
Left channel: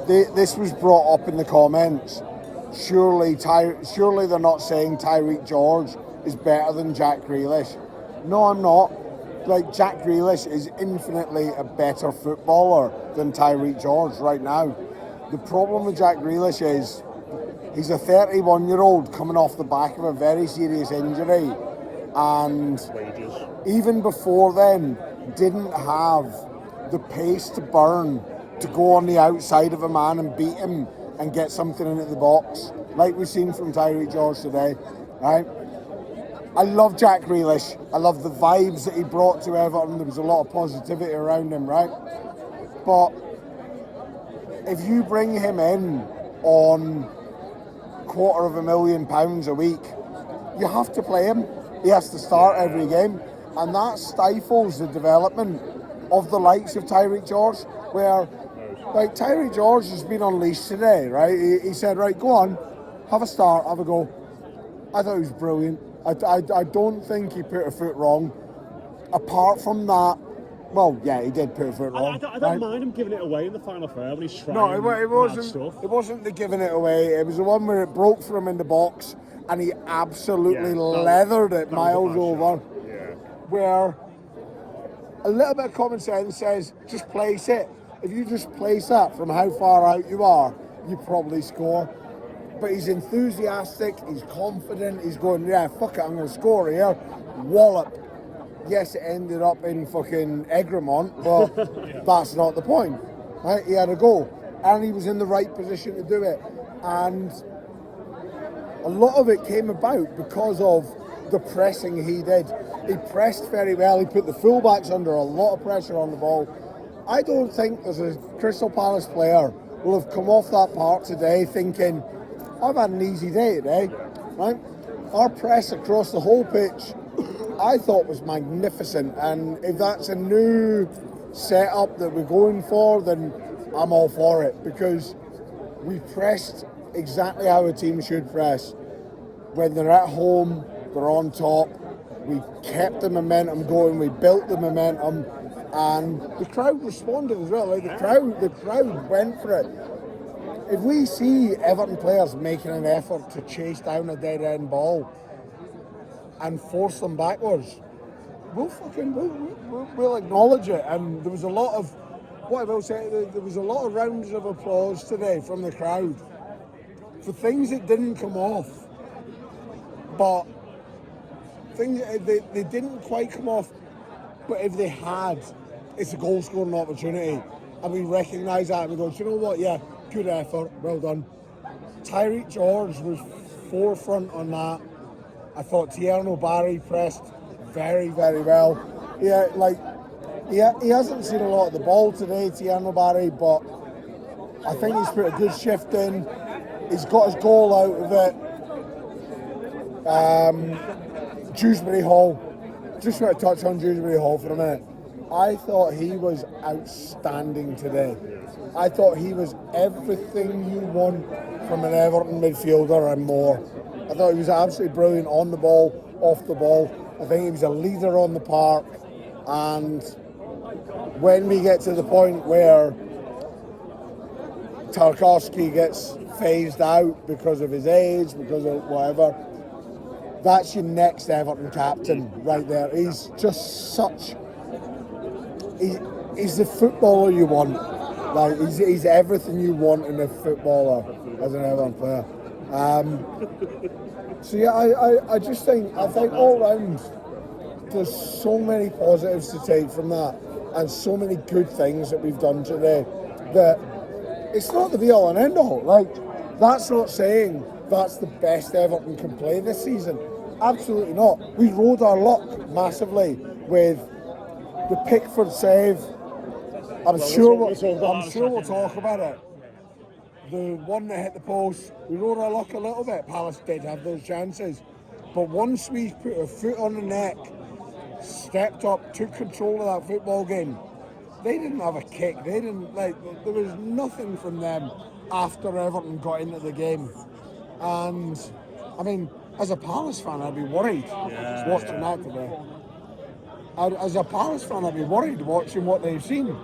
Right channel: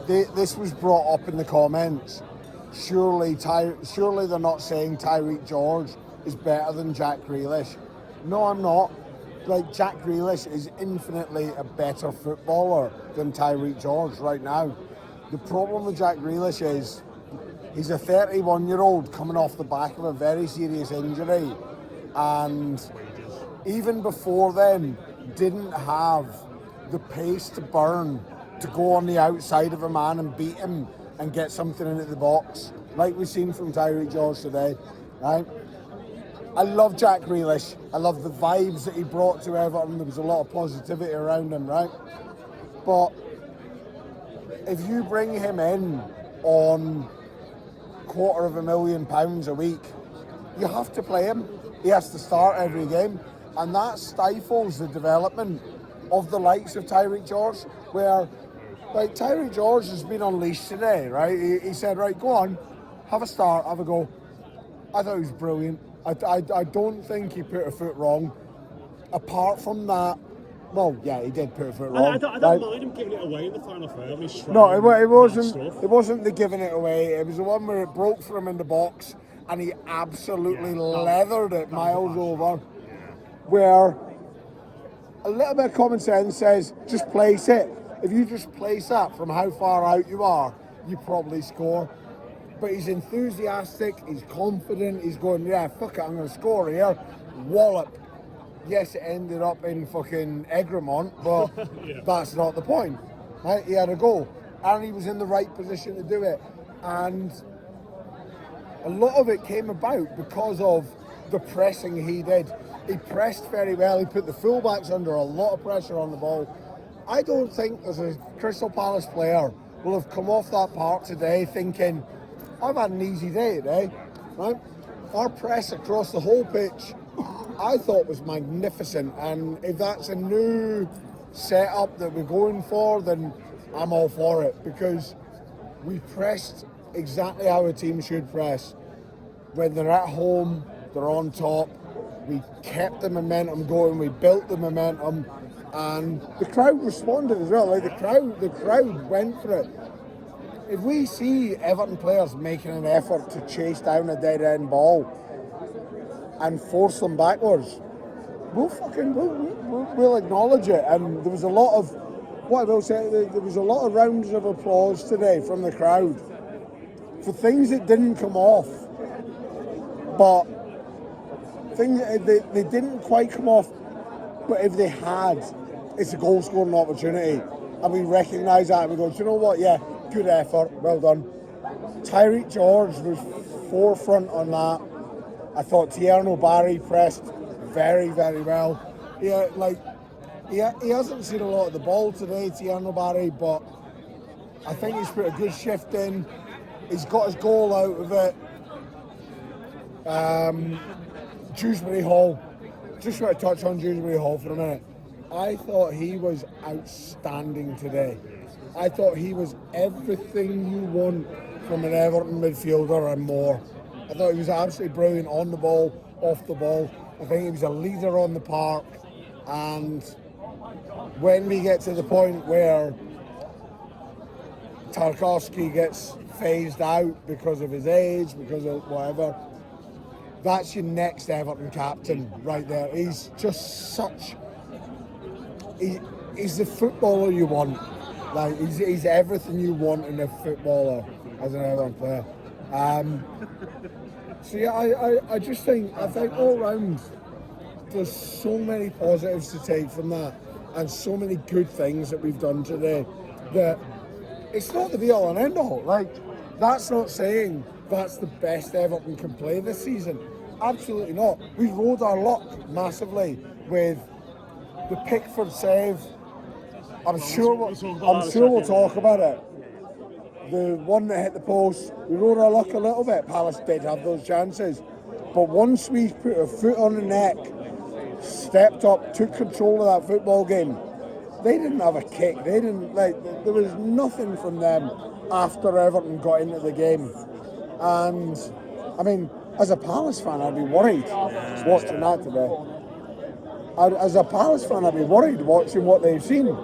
this was brought up in the comments. Surely they're not saying Tyreek George is better than Jack Grealish. No, I'm not. Like, Jack Grealish is infinitely a better footballer than Tyreek George right now. The problem with Jack Grealish is he's a 31-year-old coming off the back of a very serious injury, and even before then didn't have the pace to burn to go on the outside of a man and beat him and get something into the box, like we've seen from Tyreek George today, right? I love Jack Grealish. I love the vibes that he brought to Everton. There was a lot of positivity around him, right? But if you bring him in on £250,000 a week, you have to play him. He has to start every game, and that stifles the development of the likes of Tyreek George, where, like, Tyreek George has been unleashed today, right? He said, right, go on, have a start, have a go. I thought he was brilliant. I don't think he put a foot wrong. Apart from that, well, yeah, he did put a foot wrong. I don't mind him giving it away in the final third when he's trying. No, it wasn't. Stuff. It wasn't the giving it away. It was the one where it broke for him in the box, and he absolutely leathered it miles over. Yeah. Where a little bit of common sense says, just place it. If you just place that from how far out you are, you probably score. But he's enthusiastic, he's confident, he's going, yeah, fuck it, I'm going to score here. Wallop. Yes, it ended up in fucking Egremont, but that's not the point. Right? He had a goal, and he was in the right position to do it. And a lot of it came about because of the pressing he did. He pressed very well, he put the fullbacks under a lot of pressure on the ball. I don't think as a Crystal Palace player will have come off that park today thinking, I've had an easy day today, right? Our press across the whole pitch, I thought, was magnificent, and if that's a new setup that we're going for, then I'm all for it, because we pressed exactly how a team should press. When they're at home, they're on top, we kept the momentum going, we built the momentum, and the crowd responded as well. Like, the crowd went for it. If we see Everton players making an effort to chase down a dead-end ball and force them backwards, we'll acknowledge it. And there was a lot of, what I will say, there was a lot of rounds of applause today from the crowd for things that didn't come off, but things they didn't quite come off. But if they had, it's a goal-scoring opportunity, and we recognise that, and we go, do you know what? Yeah. Good effort, well done. Tyreek George was forefront on that. I thought Tierno Barry pressed very, very well. Yeah, like, he hasn't seen a lot of the ball today, Tierno Barry, but I think he's put a good shift in. He's got his goal out of it. Dewsbury Hall. Just want to touch on Dewsbury Hall for a minute. I thought he was outstanding today. I thought he was everything you want from an Everton midfielder and more. I thought he was absolutely brilliant on the ball, off the ball. I think he was a leader on the park. And when we get to the point where Tarkowski gets phased out because of his age, because of whatever, that's your next Everton captain right there. He's just such... He's the footballer you want. Like, he's everything you want in a footballer as an Everton player. So yeah, I just think all round there's so many positives to take from that, and so many good things that we've done today, that it's not the be all and end all. Like, that's not saying that's the best Everton can play this season. Absolutely not. We rode our luck massively with the Pickford save. I'm sure we'll talk about it. The one that hit the post, we rode our luck a little bit. Palace did have those chances, but once we put a foot on the neck, stepped up, took control of that football game, they didn't have a kick. They didn't, like, there was nothing from them after Everton got into the game. And I mean, as a Palace fan, I'd be worried watching that today. As a Palace fan, I'd be worried watching what they've seen.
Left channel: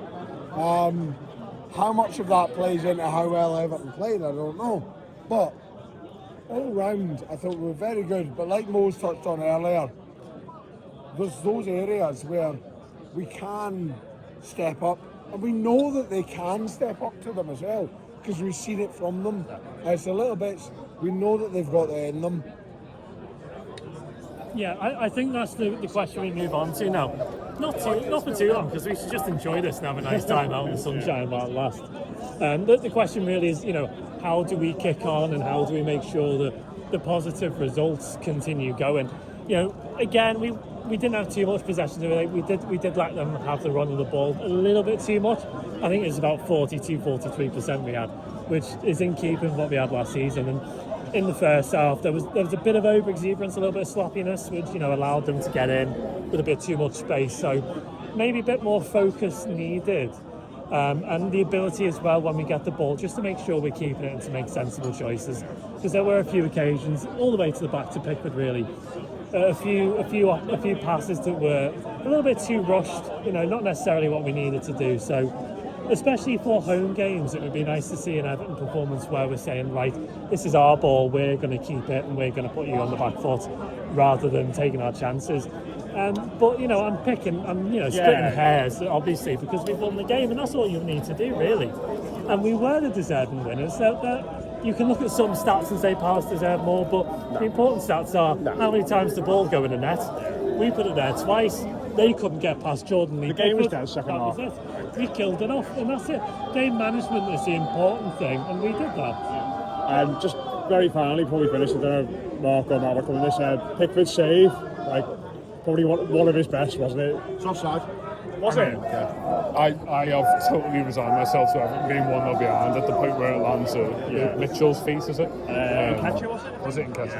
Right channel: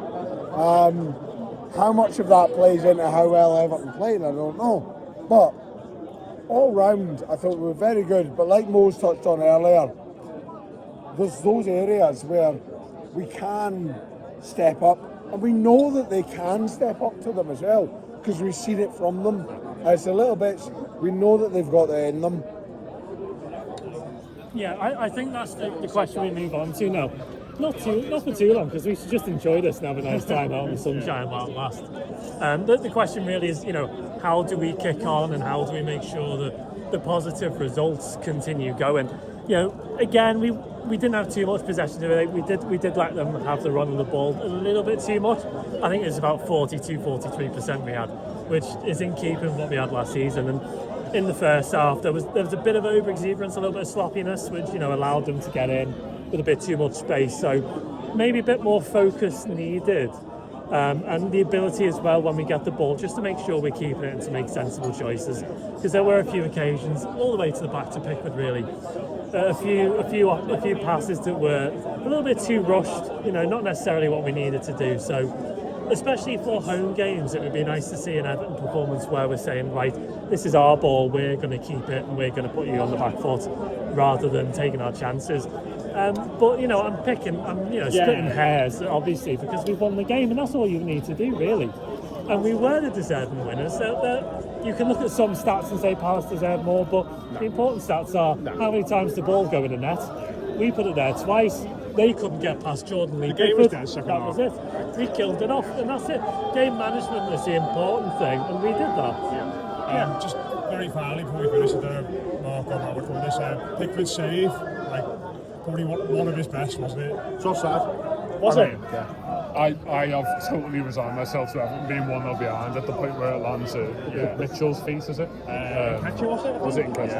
How much of that plays into how well Everton played, I don't know. But all round, I thought we were very good. But like Mo's touched on earlier, there's those areas where we can step up, and we know that they can step up to them as well, because we've seen it from them. It's a little bit, we know that they've got it in them. Yeah, I think that's the question we move on to now. Not for too long, because we should just enjoy this and have a nice time out in the sunshine while it lasts. The question really is, how do we kick on, and how do we make sure that the positive results continue going? Again, we didn't have too much possession today. We did let them have the run of the ball a little bit too much. I think it's about 42-43% we had, which is in keeping with what we had last season. And in the first half, there was a bit of over-exuberance, a little bit of sloppiness, which allowed them to get in with a bit too much space. So maybe a bit more focus needed, and the ability as well when we get the ball, just to make sure we're keeping it and to make sensible choices. Because there were a few occasions, all the way to the back to Pickford, really. A few passes that were a little bit too rushed. Not necessarily what we needed to do. So, especially for home games, it would be nice to see an Everton performance where we're saying, right, this is our ball, we're going to keep it, and we're going to put you on the back foot, rather than taking our chances. But I'm splitting hairs, obviously, because we've won the game, and that's all you need to do, really. And we were the deserving winners. So you can look at some stats and say Palace deserve more, but the important stats are how many times the ball go in the net. We put it there twice. They couldn't get past Jordan Lee. The game was down second half. That was it. We killed it off, and that's it. Game management is the important thing, and we did that. Yeah. Just very finally, before we finish, I don't know, Mark or Matt, on this, Pickford's save, probably one of his best, wasn't it? It's offside. Was it? Yeah. I have totally resigned myself to Everton being 1-0 behind at the point where it lands at Mitchell's feet, is it? Catcher, was it? Was it in Catcher?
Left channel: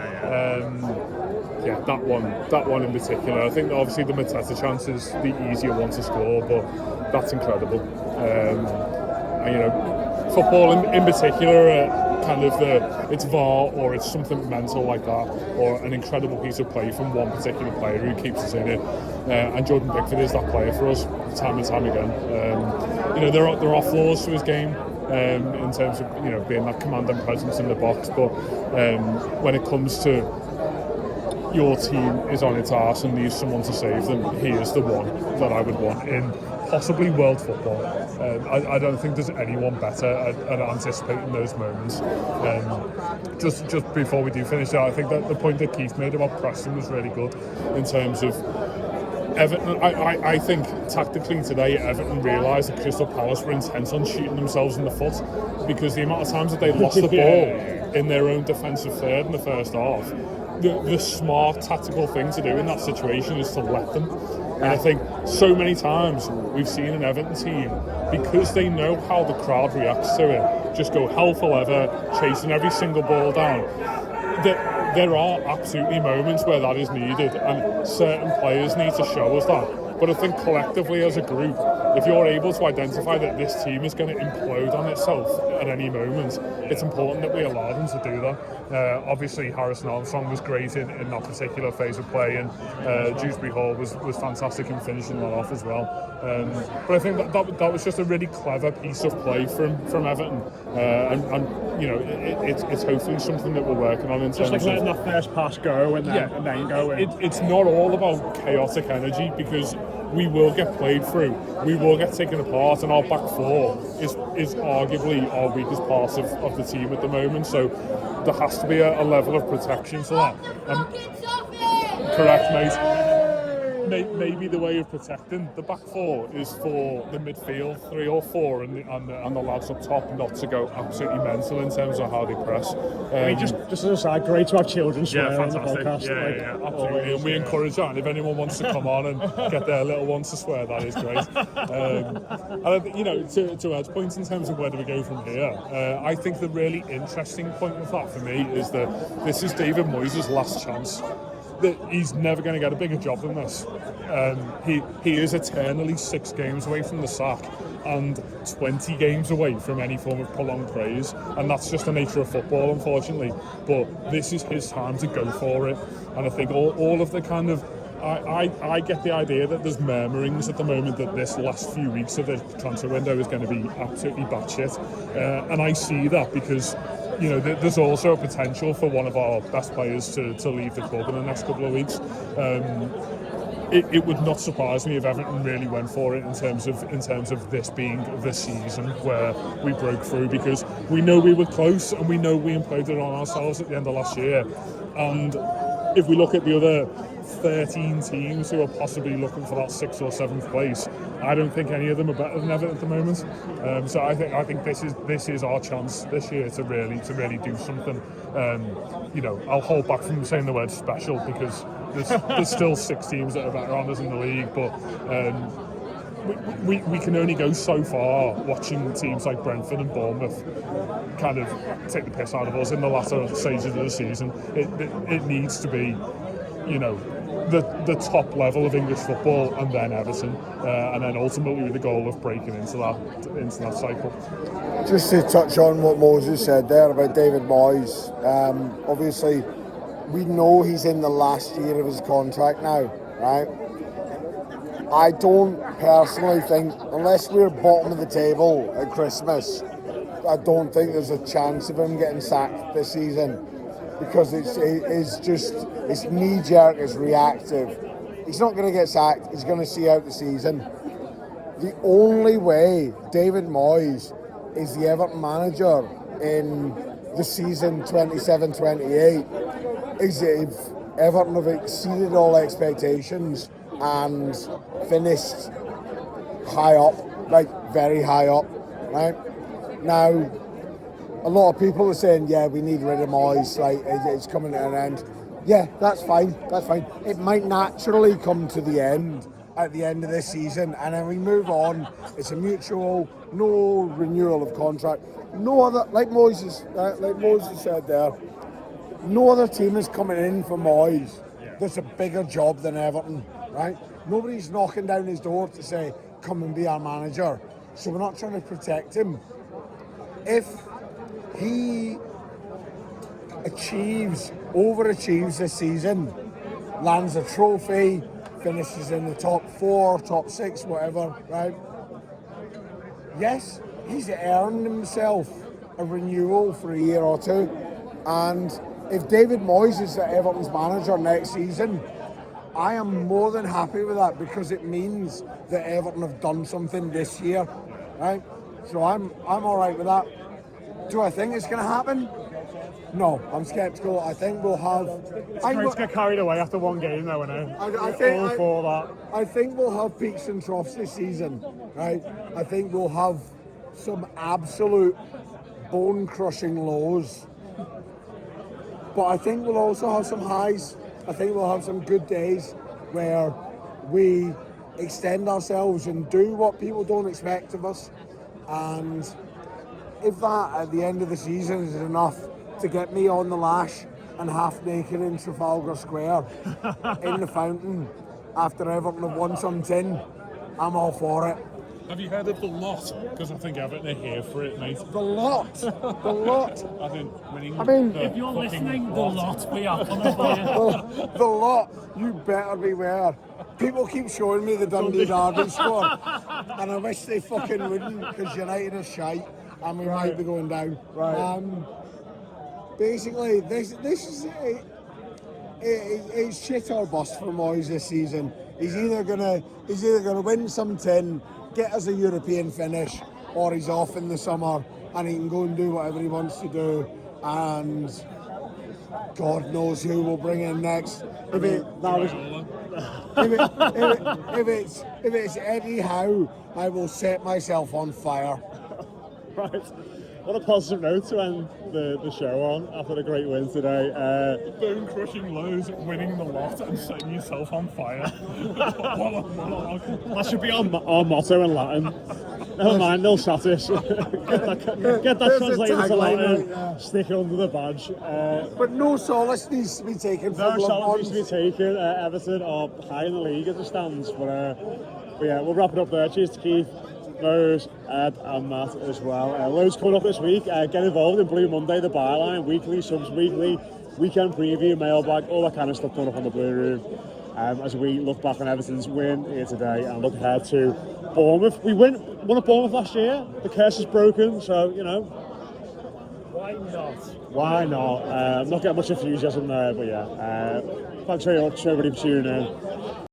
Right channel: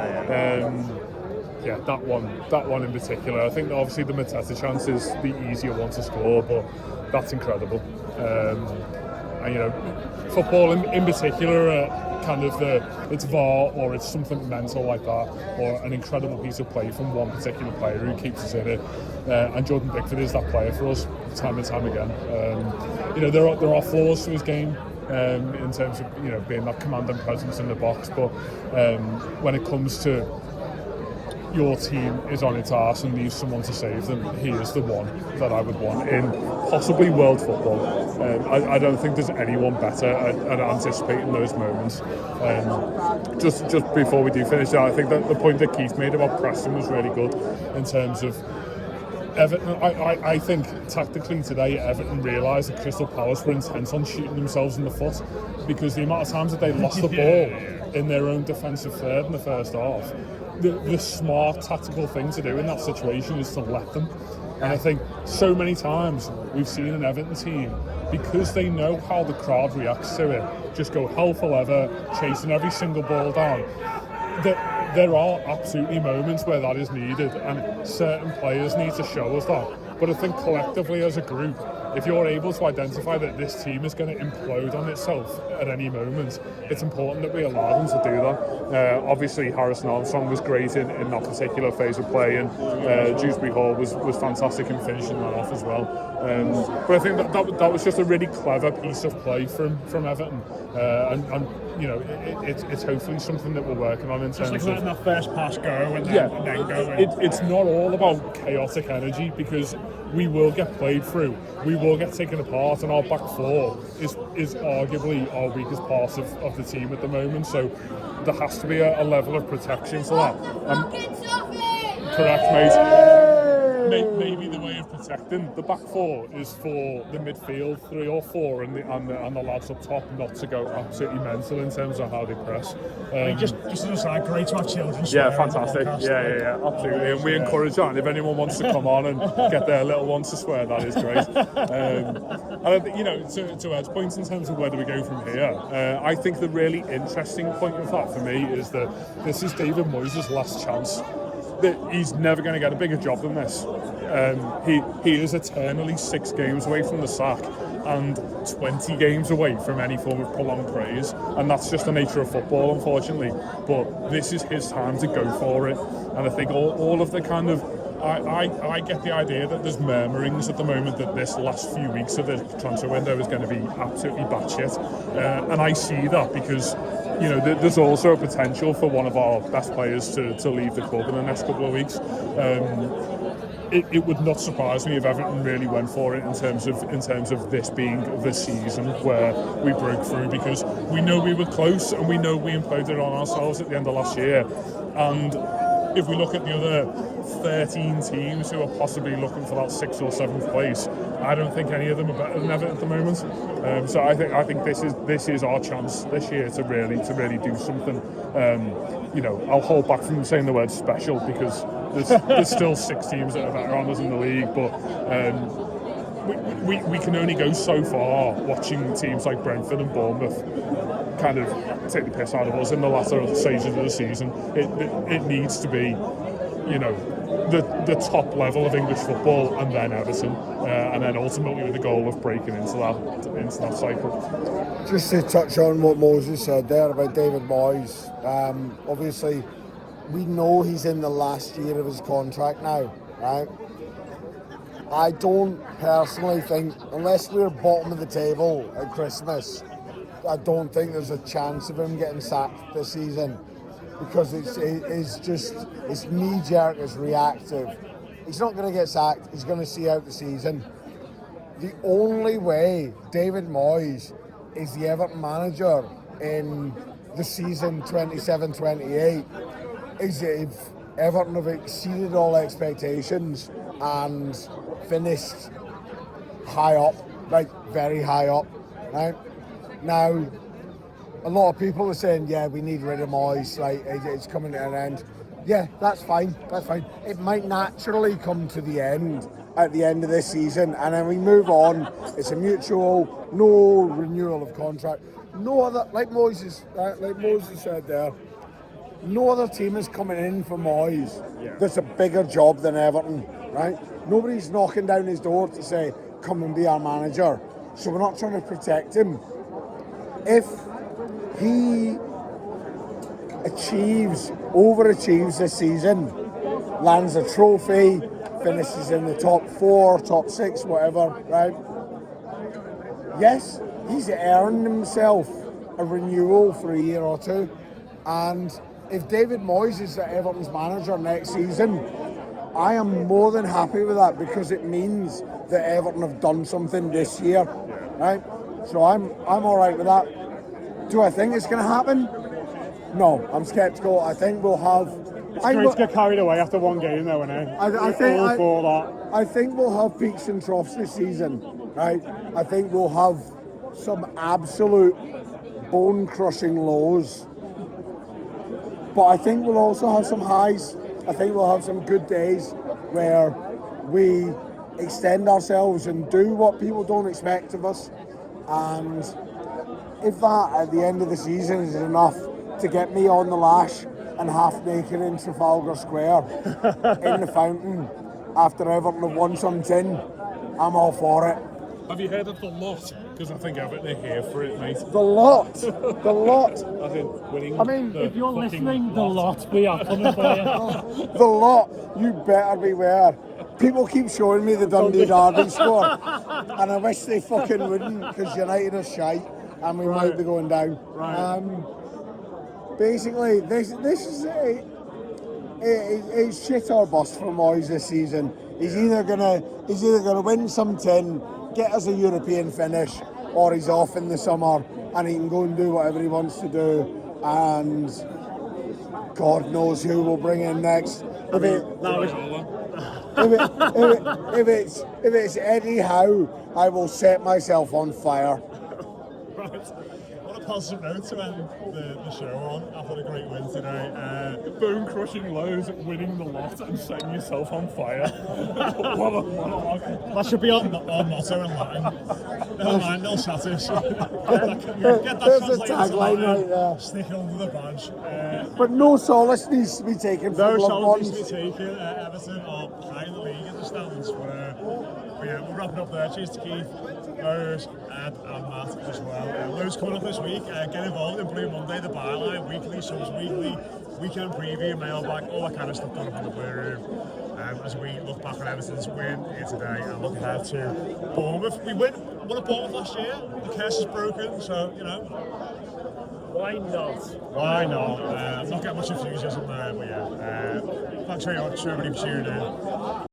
Yeah. That one in particular. I think obviously the Mateta chance is the easier one to score, but that's incredible. And football in particular, kind of it's VAR or it's something mental like that, or an incredible piece of play from one particular player who keeps us in it. And Jordan Pickford is that player for us time and time again. There are flaws to his game. In terms of being that command and presence in the box, but when it comes to your team is on its arse and needs someone to save them, he is the one that I would want in possibly world football. I don't think there's anyone better at anticipating those moments. Just before we do finish that, I think that the point that Keith made about Preston was really good in terms of Everton. I think tactically today Everton realised that Crystal Palace were intent on shooting themselves in the foot, because the amount of times that they lost the ball in their own defensive third in the first half, the smart tactical thing to do in that situation is to let them. And I think so many times we've seen an Everton team, because they know how the crowd reacts to it, just go hell for leather, chasing every single ball down. There are absolutely moments where that is needed, and certain players need to show us that. But I think collectively as a group, if you're able to identify that this team is going to implode on itself at any moment, it's important that we allow them to do that. Obviously, Harrison Armstrong was great in that particular phase of play, and Dewsbury Hall was fantastic in finishing that off as well. But I think that was just a really clever piece of play from Everton, and it's hopefully something that we're working on in terms just like letting that first pass go and then go. It's not all about chaotic energy, because we will get played through, we will get taken apart, and our back four is arguably our weakest part of the team at the moment. So there has to be a level of protection to that. Correct, mate. Maybe the way of protecting the back four is for the midfield 3 or 4 and the lads up top not to go absolutely mental in terms of how they press. I mean, just as a side, great to have children swear on the podcast. Yeah, absolutely. And we encourage that. And if anyone wants to come on and get their little ones to swear, that is great. And I think, to Ed's point in terms of where do we go from here, I think the really interesting point with that for me is that this is David Moyes' last chance. That he's never going to get a bigger job than this. He is eternally 6 games away from the sack. and 20 games away from any form of prolonged praise, and that's just the nature of football, unfortunately. But this is his time to go for it, and I think all of the kind of I get the idea that there's murmurings at the moment that this last few weeks of the transfer window is going to be absolutely batshit, and I see that because, you know, there's also a potential for one of our best players to leave the club in the next couple of weeks. It would not surprise me if Everton really went for it in terms of this being the season where we broke through, because we know we were close and we know we imploded on ourselves at the end of last year. And if we look at the other 13 teams who are possibly looking for that 6th or 7th place, I don't think any of them are better than Everton at the moment. So I think this is our chance this year to really do something. You know, I'll hold back from saying the word special because there's still 6 teams that are better on us in the league, but we can only go so far watching teams like Brentford and Bournemouth kind of take the piss out of us in the latter stages of the season. It needs to be, you know, the top level of English football, and then Everton, and then ultimately with the goal of breaking into that cycle. Just to touch on what Moses said there about David Moyes, obviously we know he's in the last year of his contract now, right? I don't personally think, unless we're bottom of the table at Christmas, I don't think there's a chance of him getting sacked this season, because it's knee-jerk, it's reactive. He's not going to get sacked, he's going to see out the season. The only way David Moyes is the Everton manager in the season 27-28 is if Everton have exceeded all expectations and finished high up, like very high up, right? Now, a lot of people are saying, yeah, we need rid of Moyes, like it's coming to an end. Yeah, that's fine. It might naturally come to the end at the end of this season, and then we move on. It's a mutual, no renewal of contract. No other, like Moses said there, no other team is coming in for Moyes that's a bigger job than Everton, right? Nobody's knocking down his door to say, come and be our manager. So we're not trying to protect him. If he overachieves this season, lands a trophy, finishes in the top 4, top 6, whatever, right? Yes, he's earned himself a renewal for a year or two. And if David Moyes is Everton's manager next season, I am more than happy with that, because it means that Everton have done something this year, right? So I'm all right with that. Do I think it's going to happen? No, I'm sceptical. I think we'll have... It's great to get carried away after one game, though, isn't it? I think we'll have peaks and troughs this season, right? I think we'll have some absolute bone-crushing lows. But I think we'll also have some highs. I think we'll have some good days where we extend ourselves and do what people don't expect of us. And if that at the end of the season is enough to get me on the lash and half naked in Trafalgar Square in the fountain after Everton have won some tin, I'm all for it. Have you heard of The Lot? Because I think Everton are here for it, mate. The Lot! The Lot! I mean, if you're listening, The Lot, we are coming for you. The Lot, you better beware. People keep showing me the Dundee Derby score, and I wish they fucking wouldn't, because United are shite, and we might be going down. Basically, this is it's shit or bust for Moyes this season. He's either gonna win some tin, get us a European finish, or he's off in the summer and he can go and do whatever he wants to do, and God knows who we'll bring in next. If it's Eddie Howe, I will set myself on fire. Right. What a positive note to end the show on after the great win today. Bone-crushing lows, winning the lot and setting yourself on fire. That should be our motto in Latin. Never mind, nil satis. Get that translated to Latin, right, stick it under the badge. But no solace needs to be taken. No solace needs to be taken. Everton are high in the league as it stands, but But yeah, we'll wrap it up there. Cheers to Keith, Rose, Ed, and Matt as well. Loads coming up this week. Get involved in Blue Monday, the byline, weekly, subs weekly, weekend preview, mailbag, all that kind of stuff coming up on the Blue Room. As we look back on Everton's win here today and look ahead to Bournemouth. We won at Bournemouth last year. The curse is broken, so you know. Why not? Why not? Not getting much enthusiasm there, but yeah. Thanks very much, everybody, for tuning in.